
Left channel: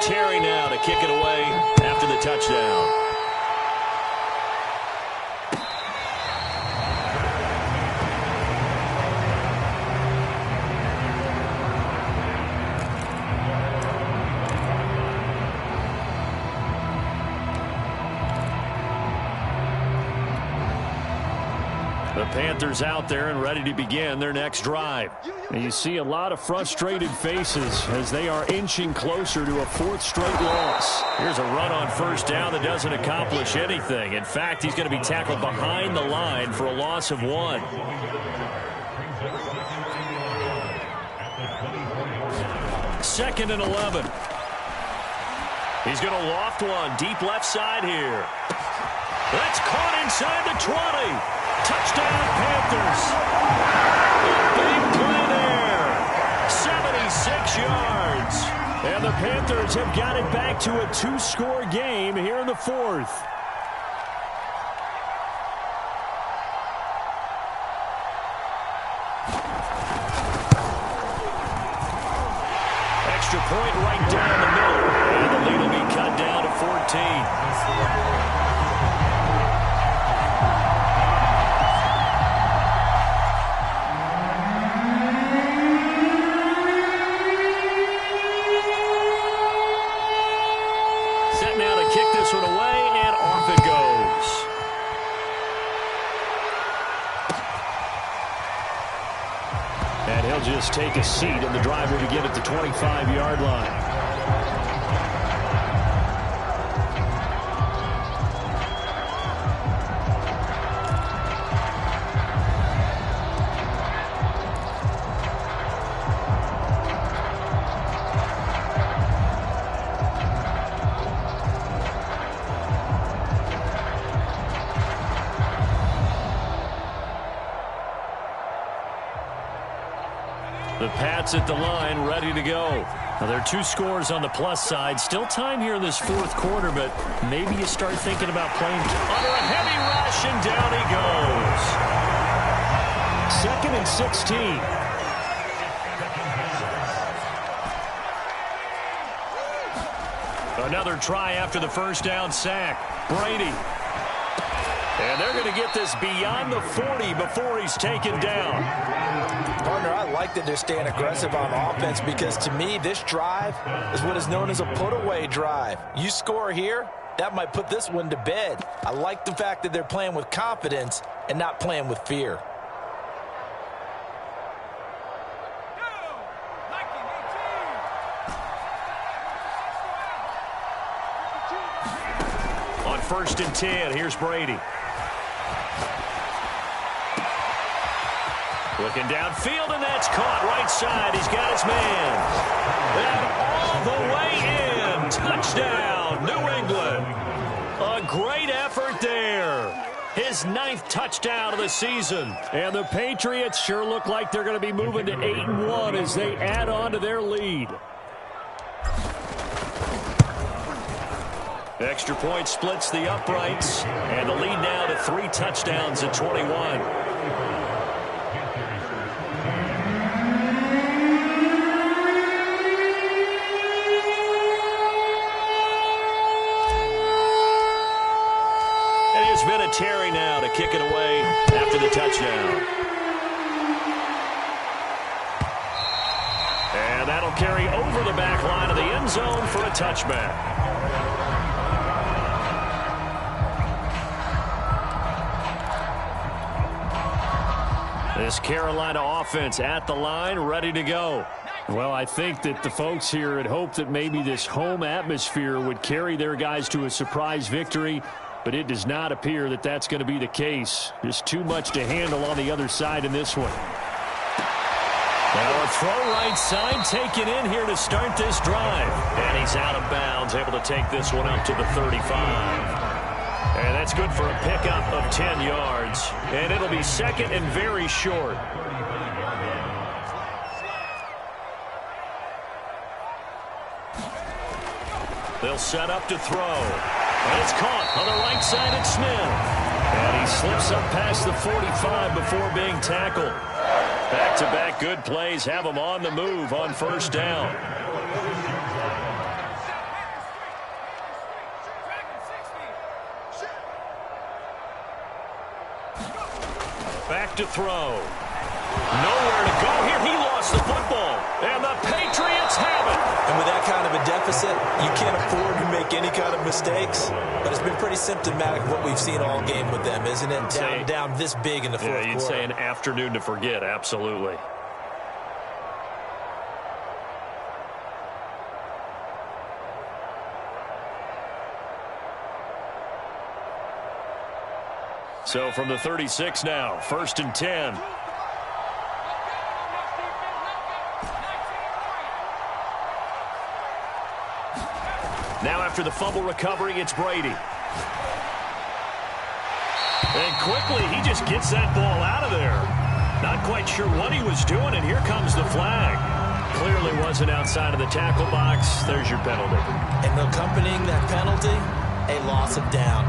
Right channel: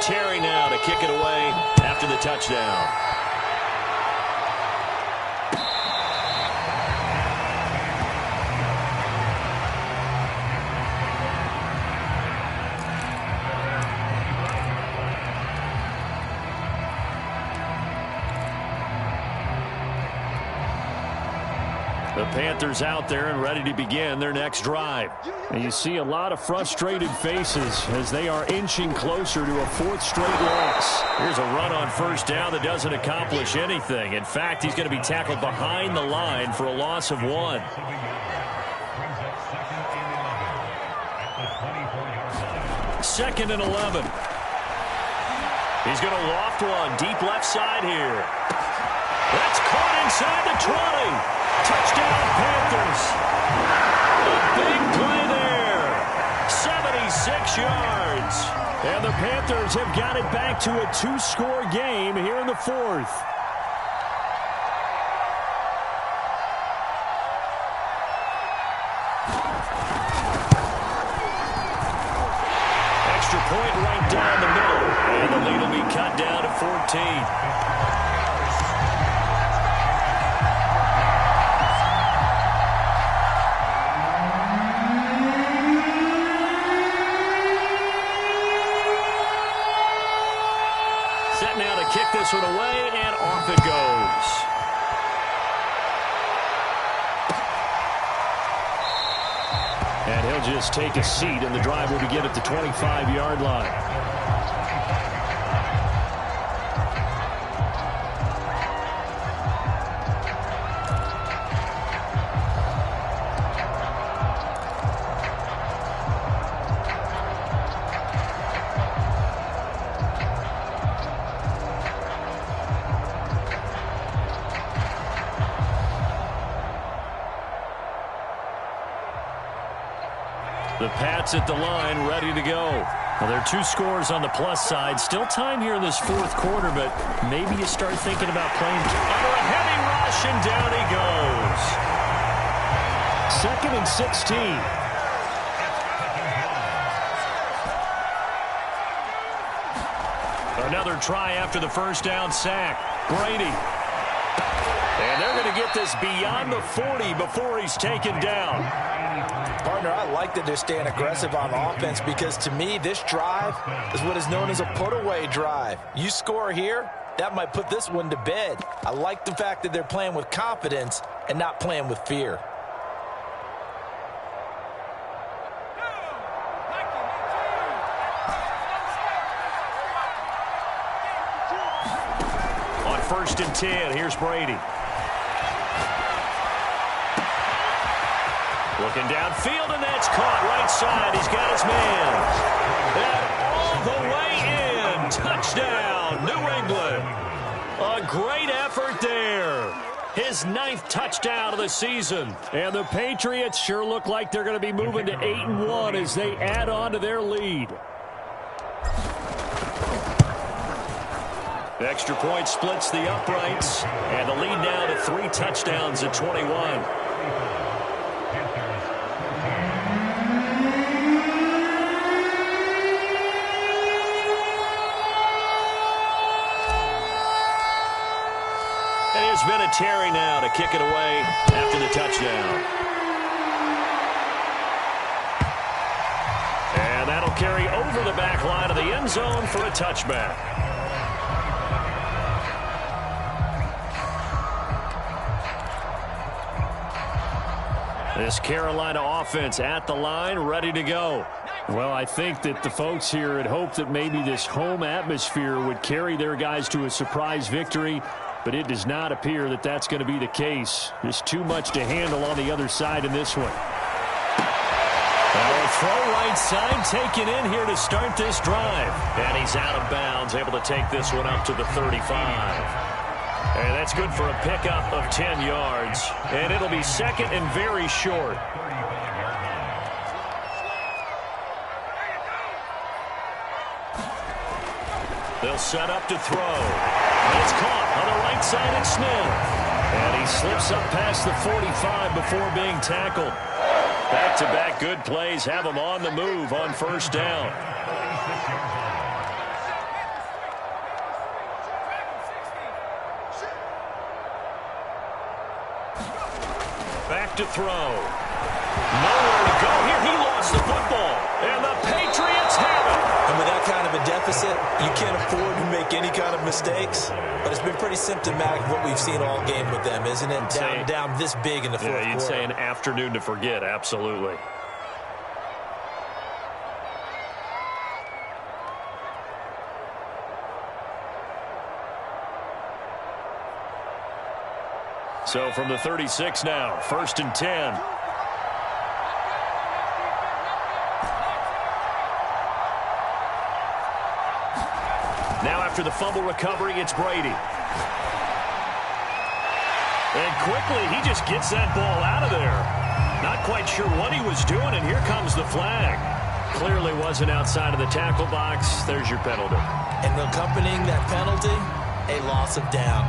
Terry now to kick it away after the touchdown. The Panthers out there and ready to begin their next drive. And you see a lot of frustrated faces as they are inching closer to a fourth straight loss. Here's a run on first down that doesn't accomplish anything. In fact, he's going to be tackled behind the line for a loss of 1. Second and 11. He's going to loft one deep left side here. That's caught inside the 20. Touchdown, Panthers. A big play there. 76 yards. And the Panthers have got it back to a 2-score game here in the fourth. Extra point right down the middle. And the lead will be cut down to 14. Now to kick this one away, and off it goes. And he'll just take a seat, and the drive will begin at the 25-yard line. The Pats at the line, ready to go. Well, there are 2 scores on the plus side. Still time here in this fourth quarter, but maybe you start thinking about playing under a heavy rush, and down he goes. 2nd and 16. Another try after the first down sack. Brady. And they're going to get this beyond the 40 before he's taken down. Partner, I like that they're staying aggressive on offense because, to me, this drive is what is known as a put-away drive. You score here, that might put this one to bed. I like the fact that they're playing with confidence and not playing with fear. On 1st and 10, here's Brady. Looking downfield, and that's caught right side. He's got his man. And all the way in. Touchdown, New England. A great effort there. His 9th touchdown of the season. And the Patriots sure look like they're going to be moving to 8-1 as they add on to their lead. Extra point splits the uprights. And the lead now to 3 touchdowns at 21. There's been a Terry now to kick it away after the touchdown. And that'll carry over the back line of the end zone for a touchback. This Carolina offense at the line, ready to go. Well, I think that the folks here had hoped that maybe this home atmosphere would carry their guys to a surprise victory. But it does not appear that that's going to be the case. Just too much to handle on the other side in this one. Well, a throw right side taken in here to start this drive. And he's out of bounds, able to take this one up to the 35. And that's good for a pickup of 10 yards. And it'll be 2nd and very short. They'll set up to throw. And it's caught on the right side at Smith. And he slips up past the 45 before being tackled. Back-to-back good plays have him on the move on first down. Back to throw. Nowhere to go here. He lost the football. And the Patriots have it. And with that kind of a deficit, you can't afford to make any kind of mistakes. But it's been pretty symptomatic of what we've seen all game with them, isn't it? Down this big in the fourth quarter. Yeah, you'd say an afternoon to forget. Absolutely. So from the 36 now, 1st and 10. Now after the fumble recovery, it's Brady. And quickly, he just gets that ball out of there. Not quite sure what he was doing, and here comes the flag. Clearly wasn't outside of the tackle box. There's your penalty. And accompanying that penalty, a loss of down.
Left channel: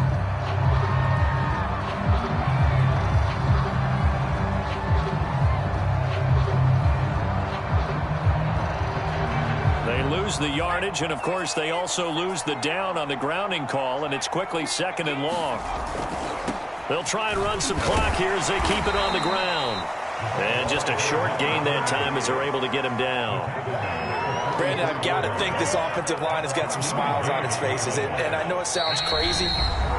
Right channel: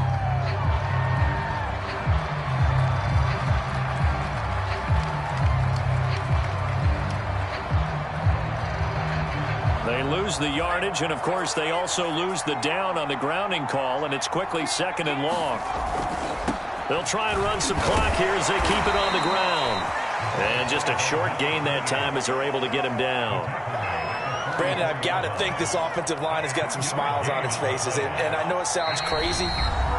They lose the yardage, and of course they also lose the down on the grounding call, and it's quickly 2nd and long. They'll try and run some clock here as they keep it on the ground. And just a short gain that time as they're able to get him down. Brandon, I've got to think this offensive line has got some smiles on its faces. And I know it sounds crazy,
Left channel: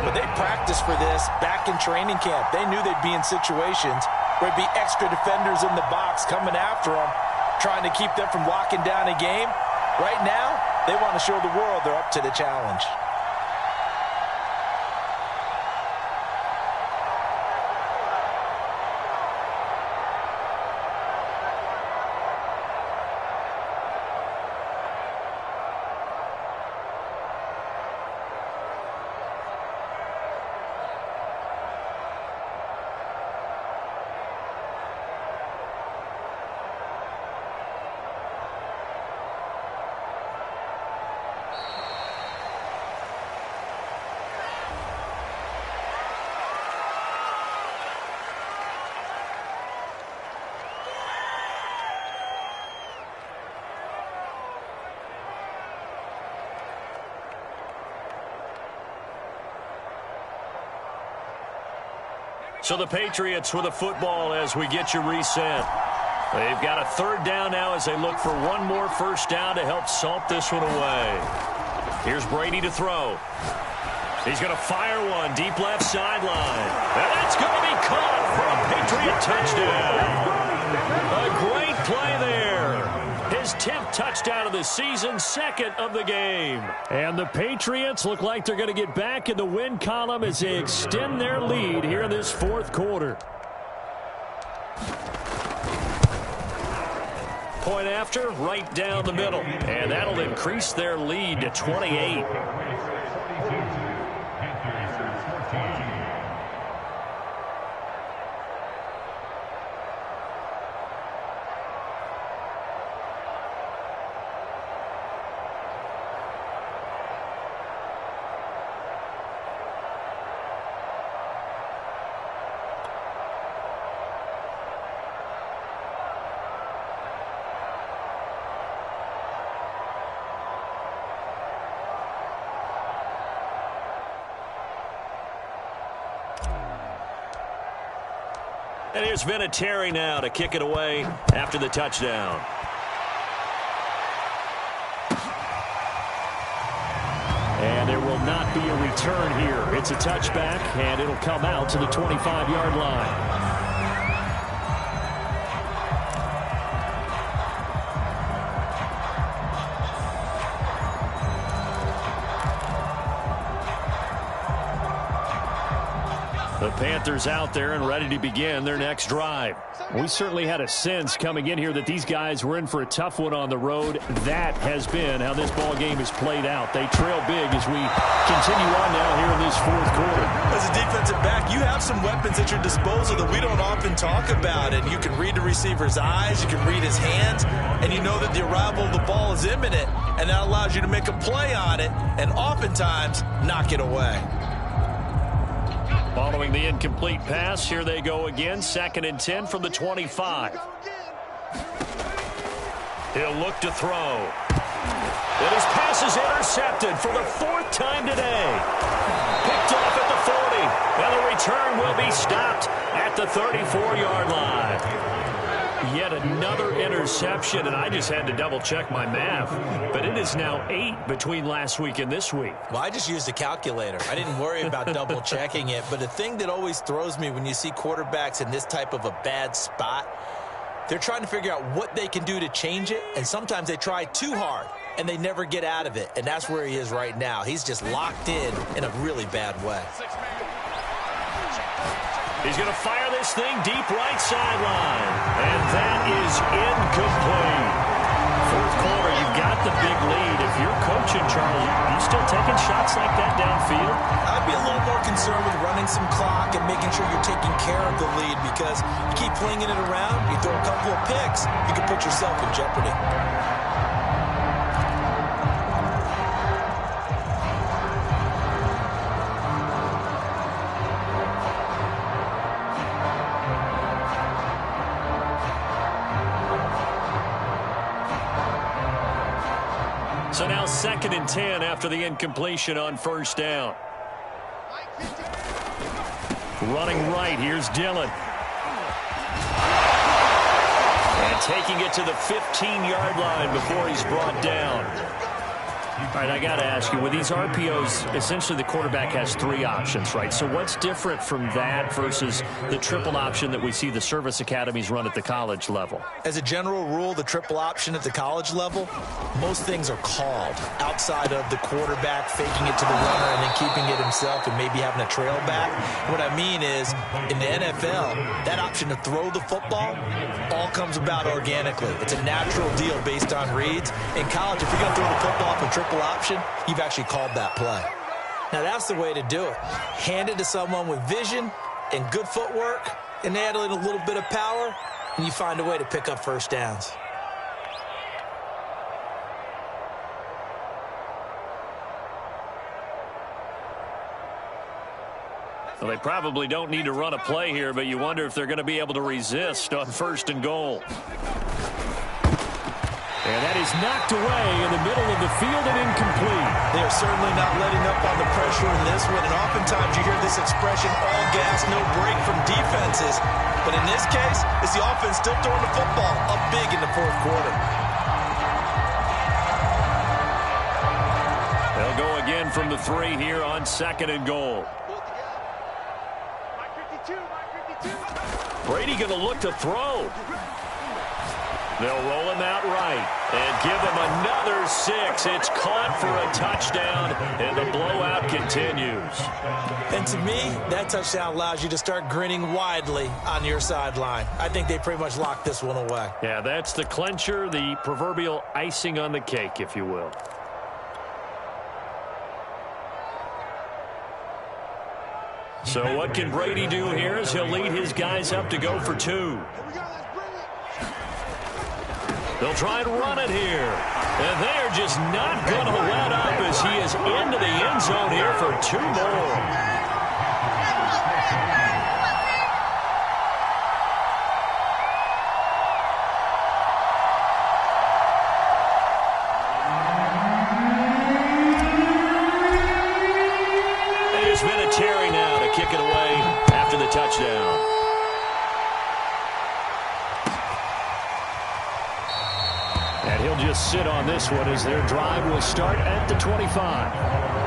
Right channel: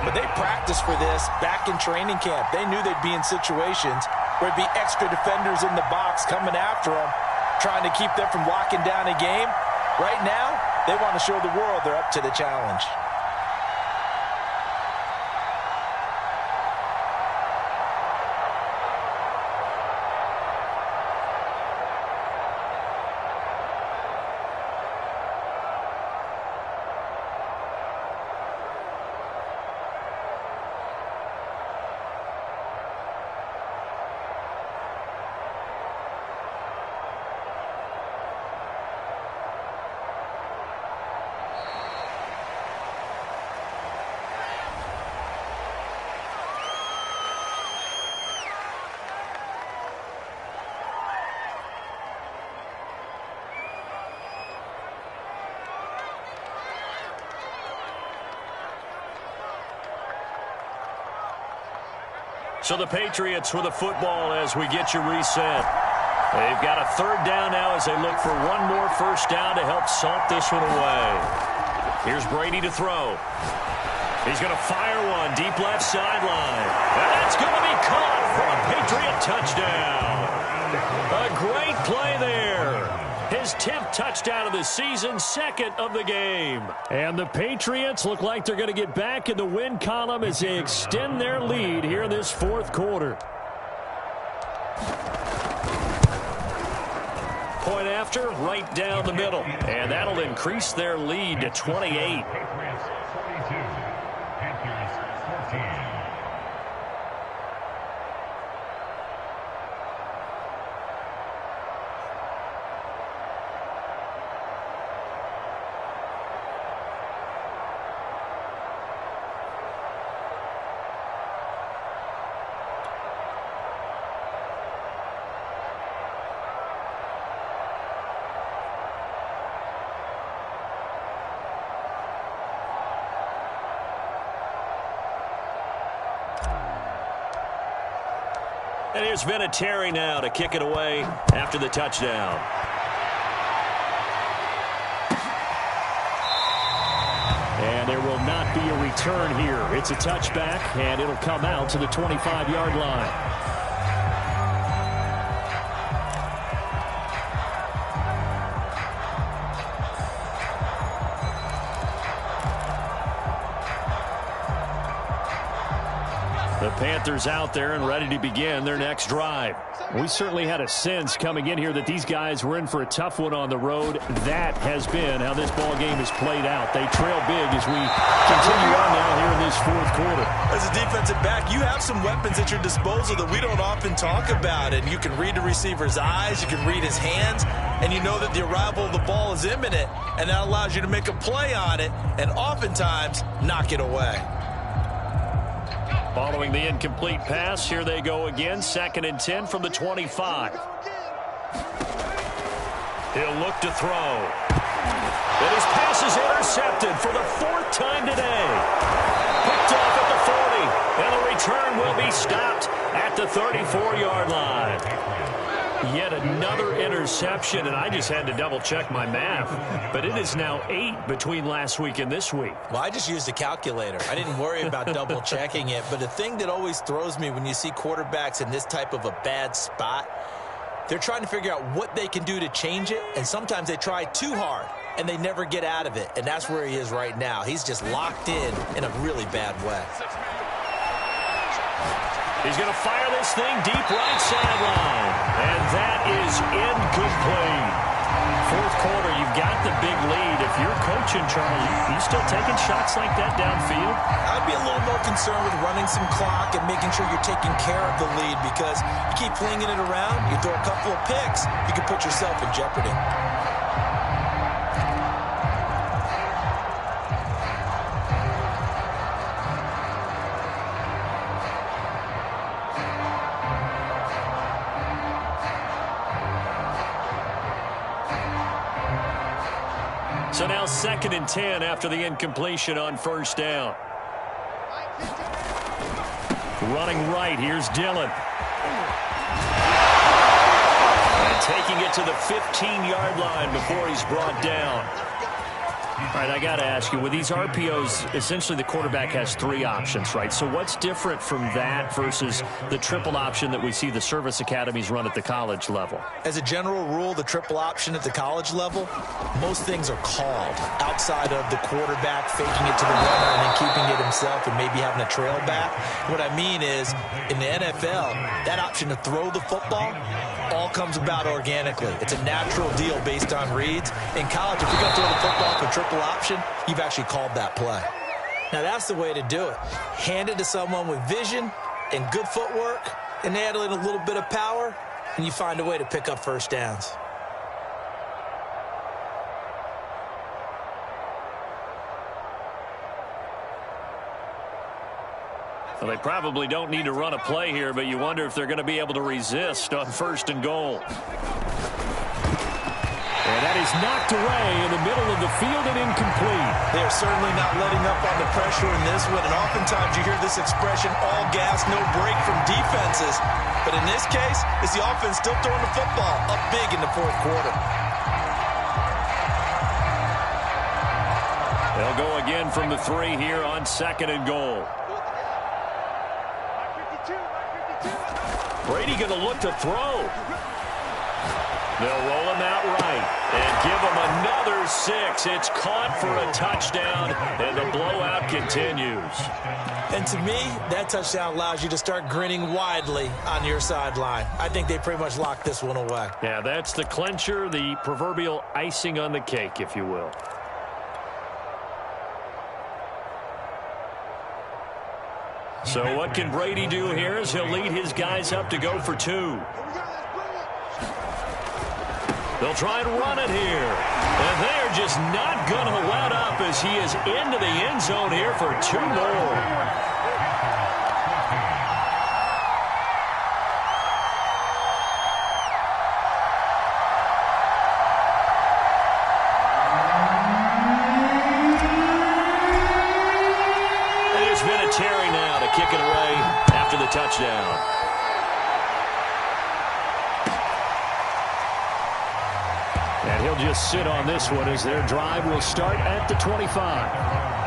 but they practiced for this back in training camp. They knew they'd be in situations where it'd be extra defenders in the box coming after them, trying to keep them from locking down a game. Right now, they want to show the world they're up to the challenge. So the Patriots with a football as we get you reset. They've got a 3rd down now as they look for one more 1st down to help salt this one away. Here's Brady to throw. He's going to fire one deep left sideline. And that's going to be caught for a Patriot touchdown. A great play there. His 10th touchdown of the season, 2nd of the game. And the Patriots look like they're going to get back in the win column as they extend their lead here in this 4th quarter. Point after, right down the middle. And that'll increase their lead to 28. And here's Vinatieri now to kick it away after the touchdown. And there will not be a return here. It's a touchback, and it'll come out to the 25-yard line. The Panthers out there and ready to begin their next drive. We certainly had a sense coming in here that these guys were in for a tough one on the road. That has been how this ball game is played out. They trail big as we continue on now here in this 4th quarter. As a defensive back, you have some weapons at your disposal that we don't often talk about. And you can read the receiver's eyes, you can read his hands, and you know that the arrival of the ball is imminent. And that allows you to make a play on it and oftentimes knock it away. Following the incomplete pass, here they go again. 2nd and 10 from the 25. He'll look to throw. And his pass is intercepted for the 4th time today. Picked off at the 40. And the return will be stopped at the 34-yard line. Yet another interception, and I just had to double-check my math. But it is now 8 between last week and this week. Well, I just used a calculator. I didn't worry about double-checking it. But the thing that always throws me when you see quarterbacks in this type of a bad spot, they're trying to figure out what they can do to change it, and sometimes they try too hard, and they never get out of it. And that's where he is right now. He's just locked in a really bad way. He's going to fire this thing deep right sideline. And that is incomplete. Fourth quarter, you've got the big lead. If you're coaching, Charles, you still taking shots like that downfield? I'd be a little more concerned with running some clock and making sure you're taking care of the lead, because you keep flinging it around, you throw a couple of picks, you can put yourself in jeopardy. So now 2nd and 10 after the incompletion on first down. Running right, here's Dillon. And taking it to the 15-yard line before he's brought down. All right, I got to ask you, with these RPOs, essentially the quarterback has 3 options, right? So what's different from that versus the triple option that we see the service academies run at the college level? As a general rule, the triple option at the college level, most things are called outside of the quarterback faking it to the runner and then keeping it himself and maybe having a trail back. What I mean is, in the NFL, that option to throw the football all comes about organically. It's a natural deal based on reads. In college, if you're going to throw the football off a triple option, you've actually called that play. Now, that's the way to do it. Hand it to someone with vision and good footwork, and add in a little bit of power, and you find a way to pick up first downs. Well, they probably don't need to run a play here, but you wonder if they're going to be able to resist on 1st and goal. And that is knocked away in the middle of the field and incomplete. They are certainly not letting up on the pressure in this one, and oftentimes you hear this expression, all gas, no break from defenses. But in this case, it's the offense still throwing the football up big in the 4th quarter. They'll go again from the 3 here on 2nd and goal. Brady going to look to throw. They'll roll him out right and give him another 6. It's caught for a touchdown, and the blowout continues. And to me, that touchdown allows you to start grinning widely on your sideline. I think they pretty much locked this one away. Yeah, that's the clincher, the proverbial icing on the cake, if you will. So what can Brady do here as he'll lead his guys up to go for 2. They'll try and run it here. And they are just not going to let up as he is into the end zone here for 2 more. And there's been a Terry now to kick it away after the touchdown. And he'll just sit on this one as their drive will start at the 25.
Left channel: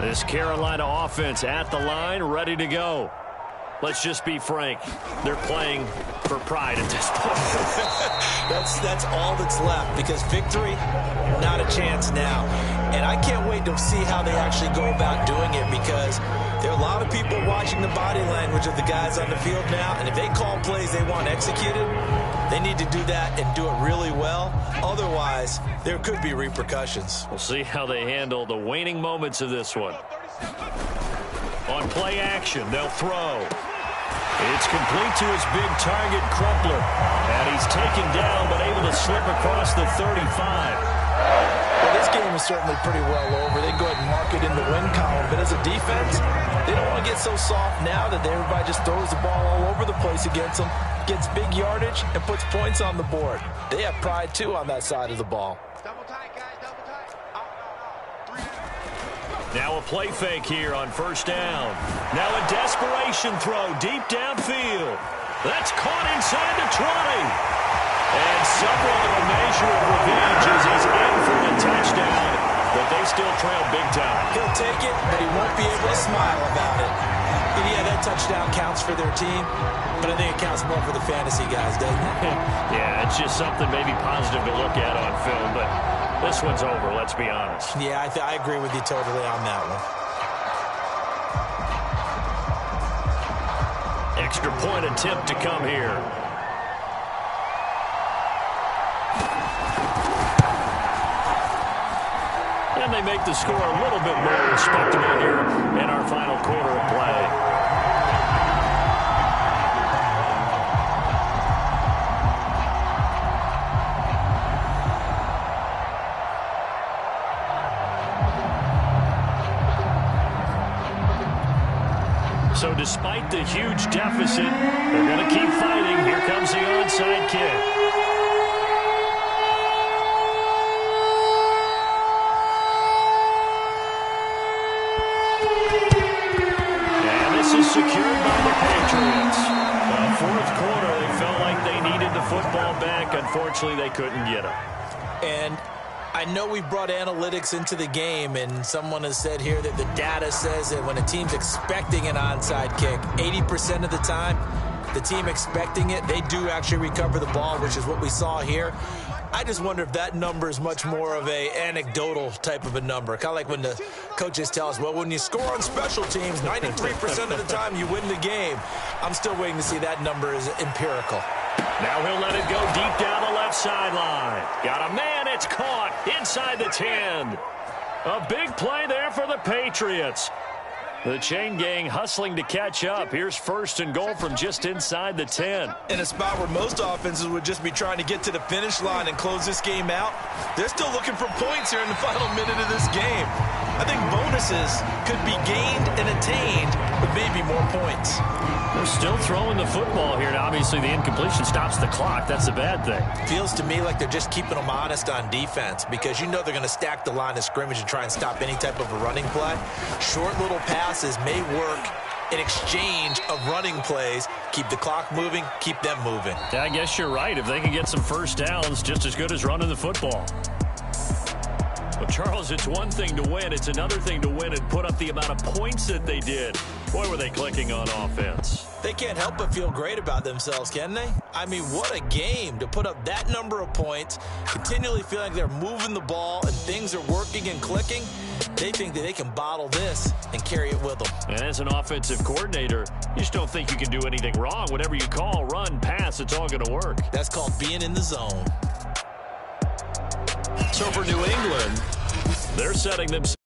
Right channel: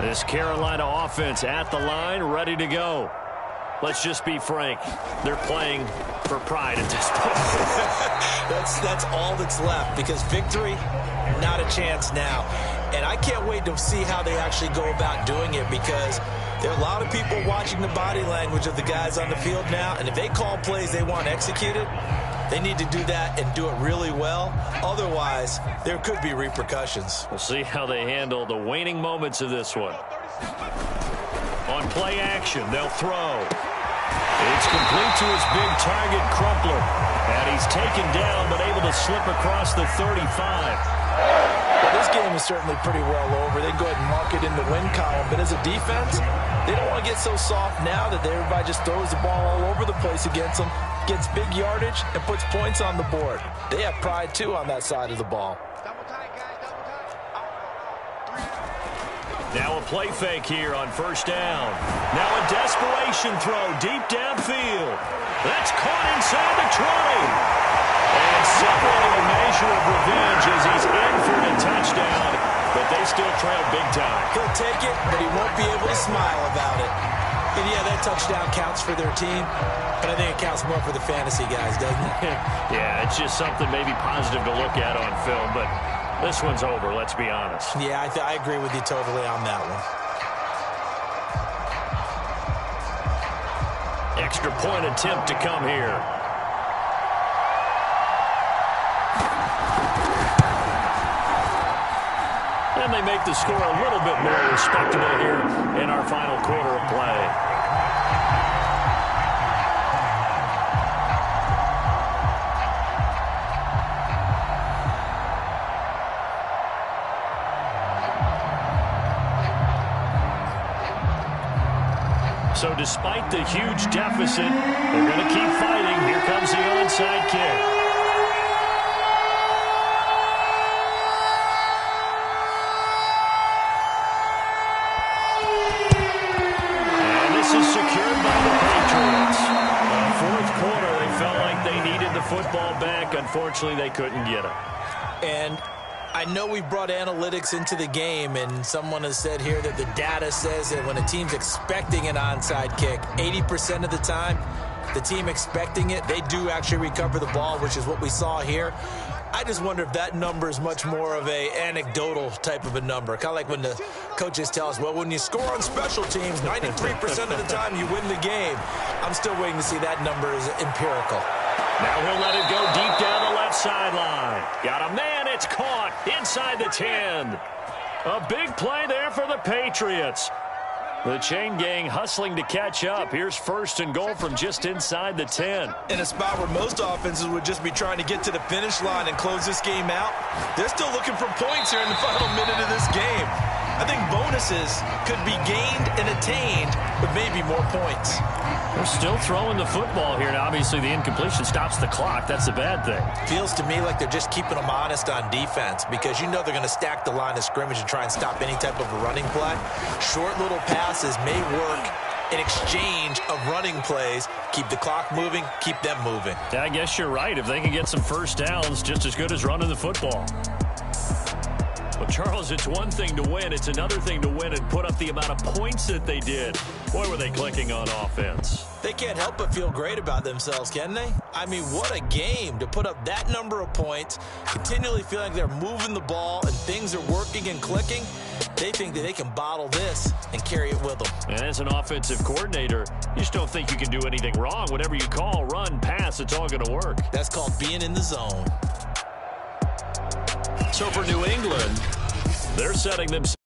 This Carolina offense at the line, ready to go. Let's just be frank. They're playing for pride at this point. That's all that's left, because victory, not a chance now. And I can't wait to see how they actually go about doing it, because there are a lot of people watching the body language of the guys on the field now, and if they call plays they want executed, They need to do that and do it really well. Otherwise, there could be repercussions. We'll see how they handle the waning moments of this one. On play action, they'll throw. It's complete to his big target, Crumpler. And he's taken down, but able to slip across the 35. Well, this game is certainly pretty well over. They go ahead and mark it in the win column. But as a defense, they don't want to get so soft now that everybody just throws the ball all over the place against them, gets big yardage, and puts points on the board. They have pride, too, on that side of the ball. Double tight, guys, double tight. Now a play fake here on first down. Now a desperation throw deep downfield. That's caught inside the 20. And somewhat of a measure of revenge as he's in for the touchdown, but they still trail big time. He'll take it, but he won't be able to smile about it. And yeah, that touchdown counts for their team, but I think it counts more for the fantasy guys, doesn't it? Yeah, it's just something maybe positive to look at on film, but this one's over, let's be honest. Yeah, I agree with you totally on that one. Extra point attempt to come here. And they make the score a little bit more respectable here in our final quarter of play. So despite the huge deficit, they're going to keep fighting. Here comes the onside kick. Is secured by the Patriots. Fourth quarter, they felt like they needed the football back. Unfortunately, they couldn't get it. And I know we brought analytics into the game, and someone has said here that the data says that when a team's expecting an onside kick, 80% of the time, the team expecting it, they do actually recover the ball, which is what we saw here. I just wonder if that number is much more of a anecdotal type of a number. Kind of like when the coaches tell us, well, when you score on special teams, 93% of the time you win the game. I'm still waiting to see that number is empirical. Now he'll let it go deep down the left sideline. Got a man, it's caught inside the 10. A big play there for the Patriots. The chain gang hustling to catch up. Here's first and goal from just inside the 10. In a spot where most offenses would just be trying to get to the finish line and close this game out, they're still looking for points here in the final minute of this game. I think bonuses could be gained and attained with maybe more points. They're still throwing the football here. Now, obviously, the incompletion stops the clock. That's a bad thing. Feels to me like they're just keeping them honest on defense because you know they're going to stack the line of scrimmage and try and stop any type of a running play. Short little passes may work in exchange of running plays. Keep the clock moving, keep them moving. Yeah, I guess you're right. If they can get some first downs, just as good as running the football. Well, Charles, it's one thing to win. It's another thing to win and put up the amount of points that they did. Boy, were they clicking on offense. They can't help but feel great about themselves, can they? I mean, what a game to put up that number of points, continually feeling like they're moving the ball and things are working and clicking. They think that they can bottle this and carry it with them. And as an offensive coordinator, you just don't think you can do anything wrong. Whatever you call, run, pass, it's all going to work. That's called being in the zone. So for New England, they're setting themselves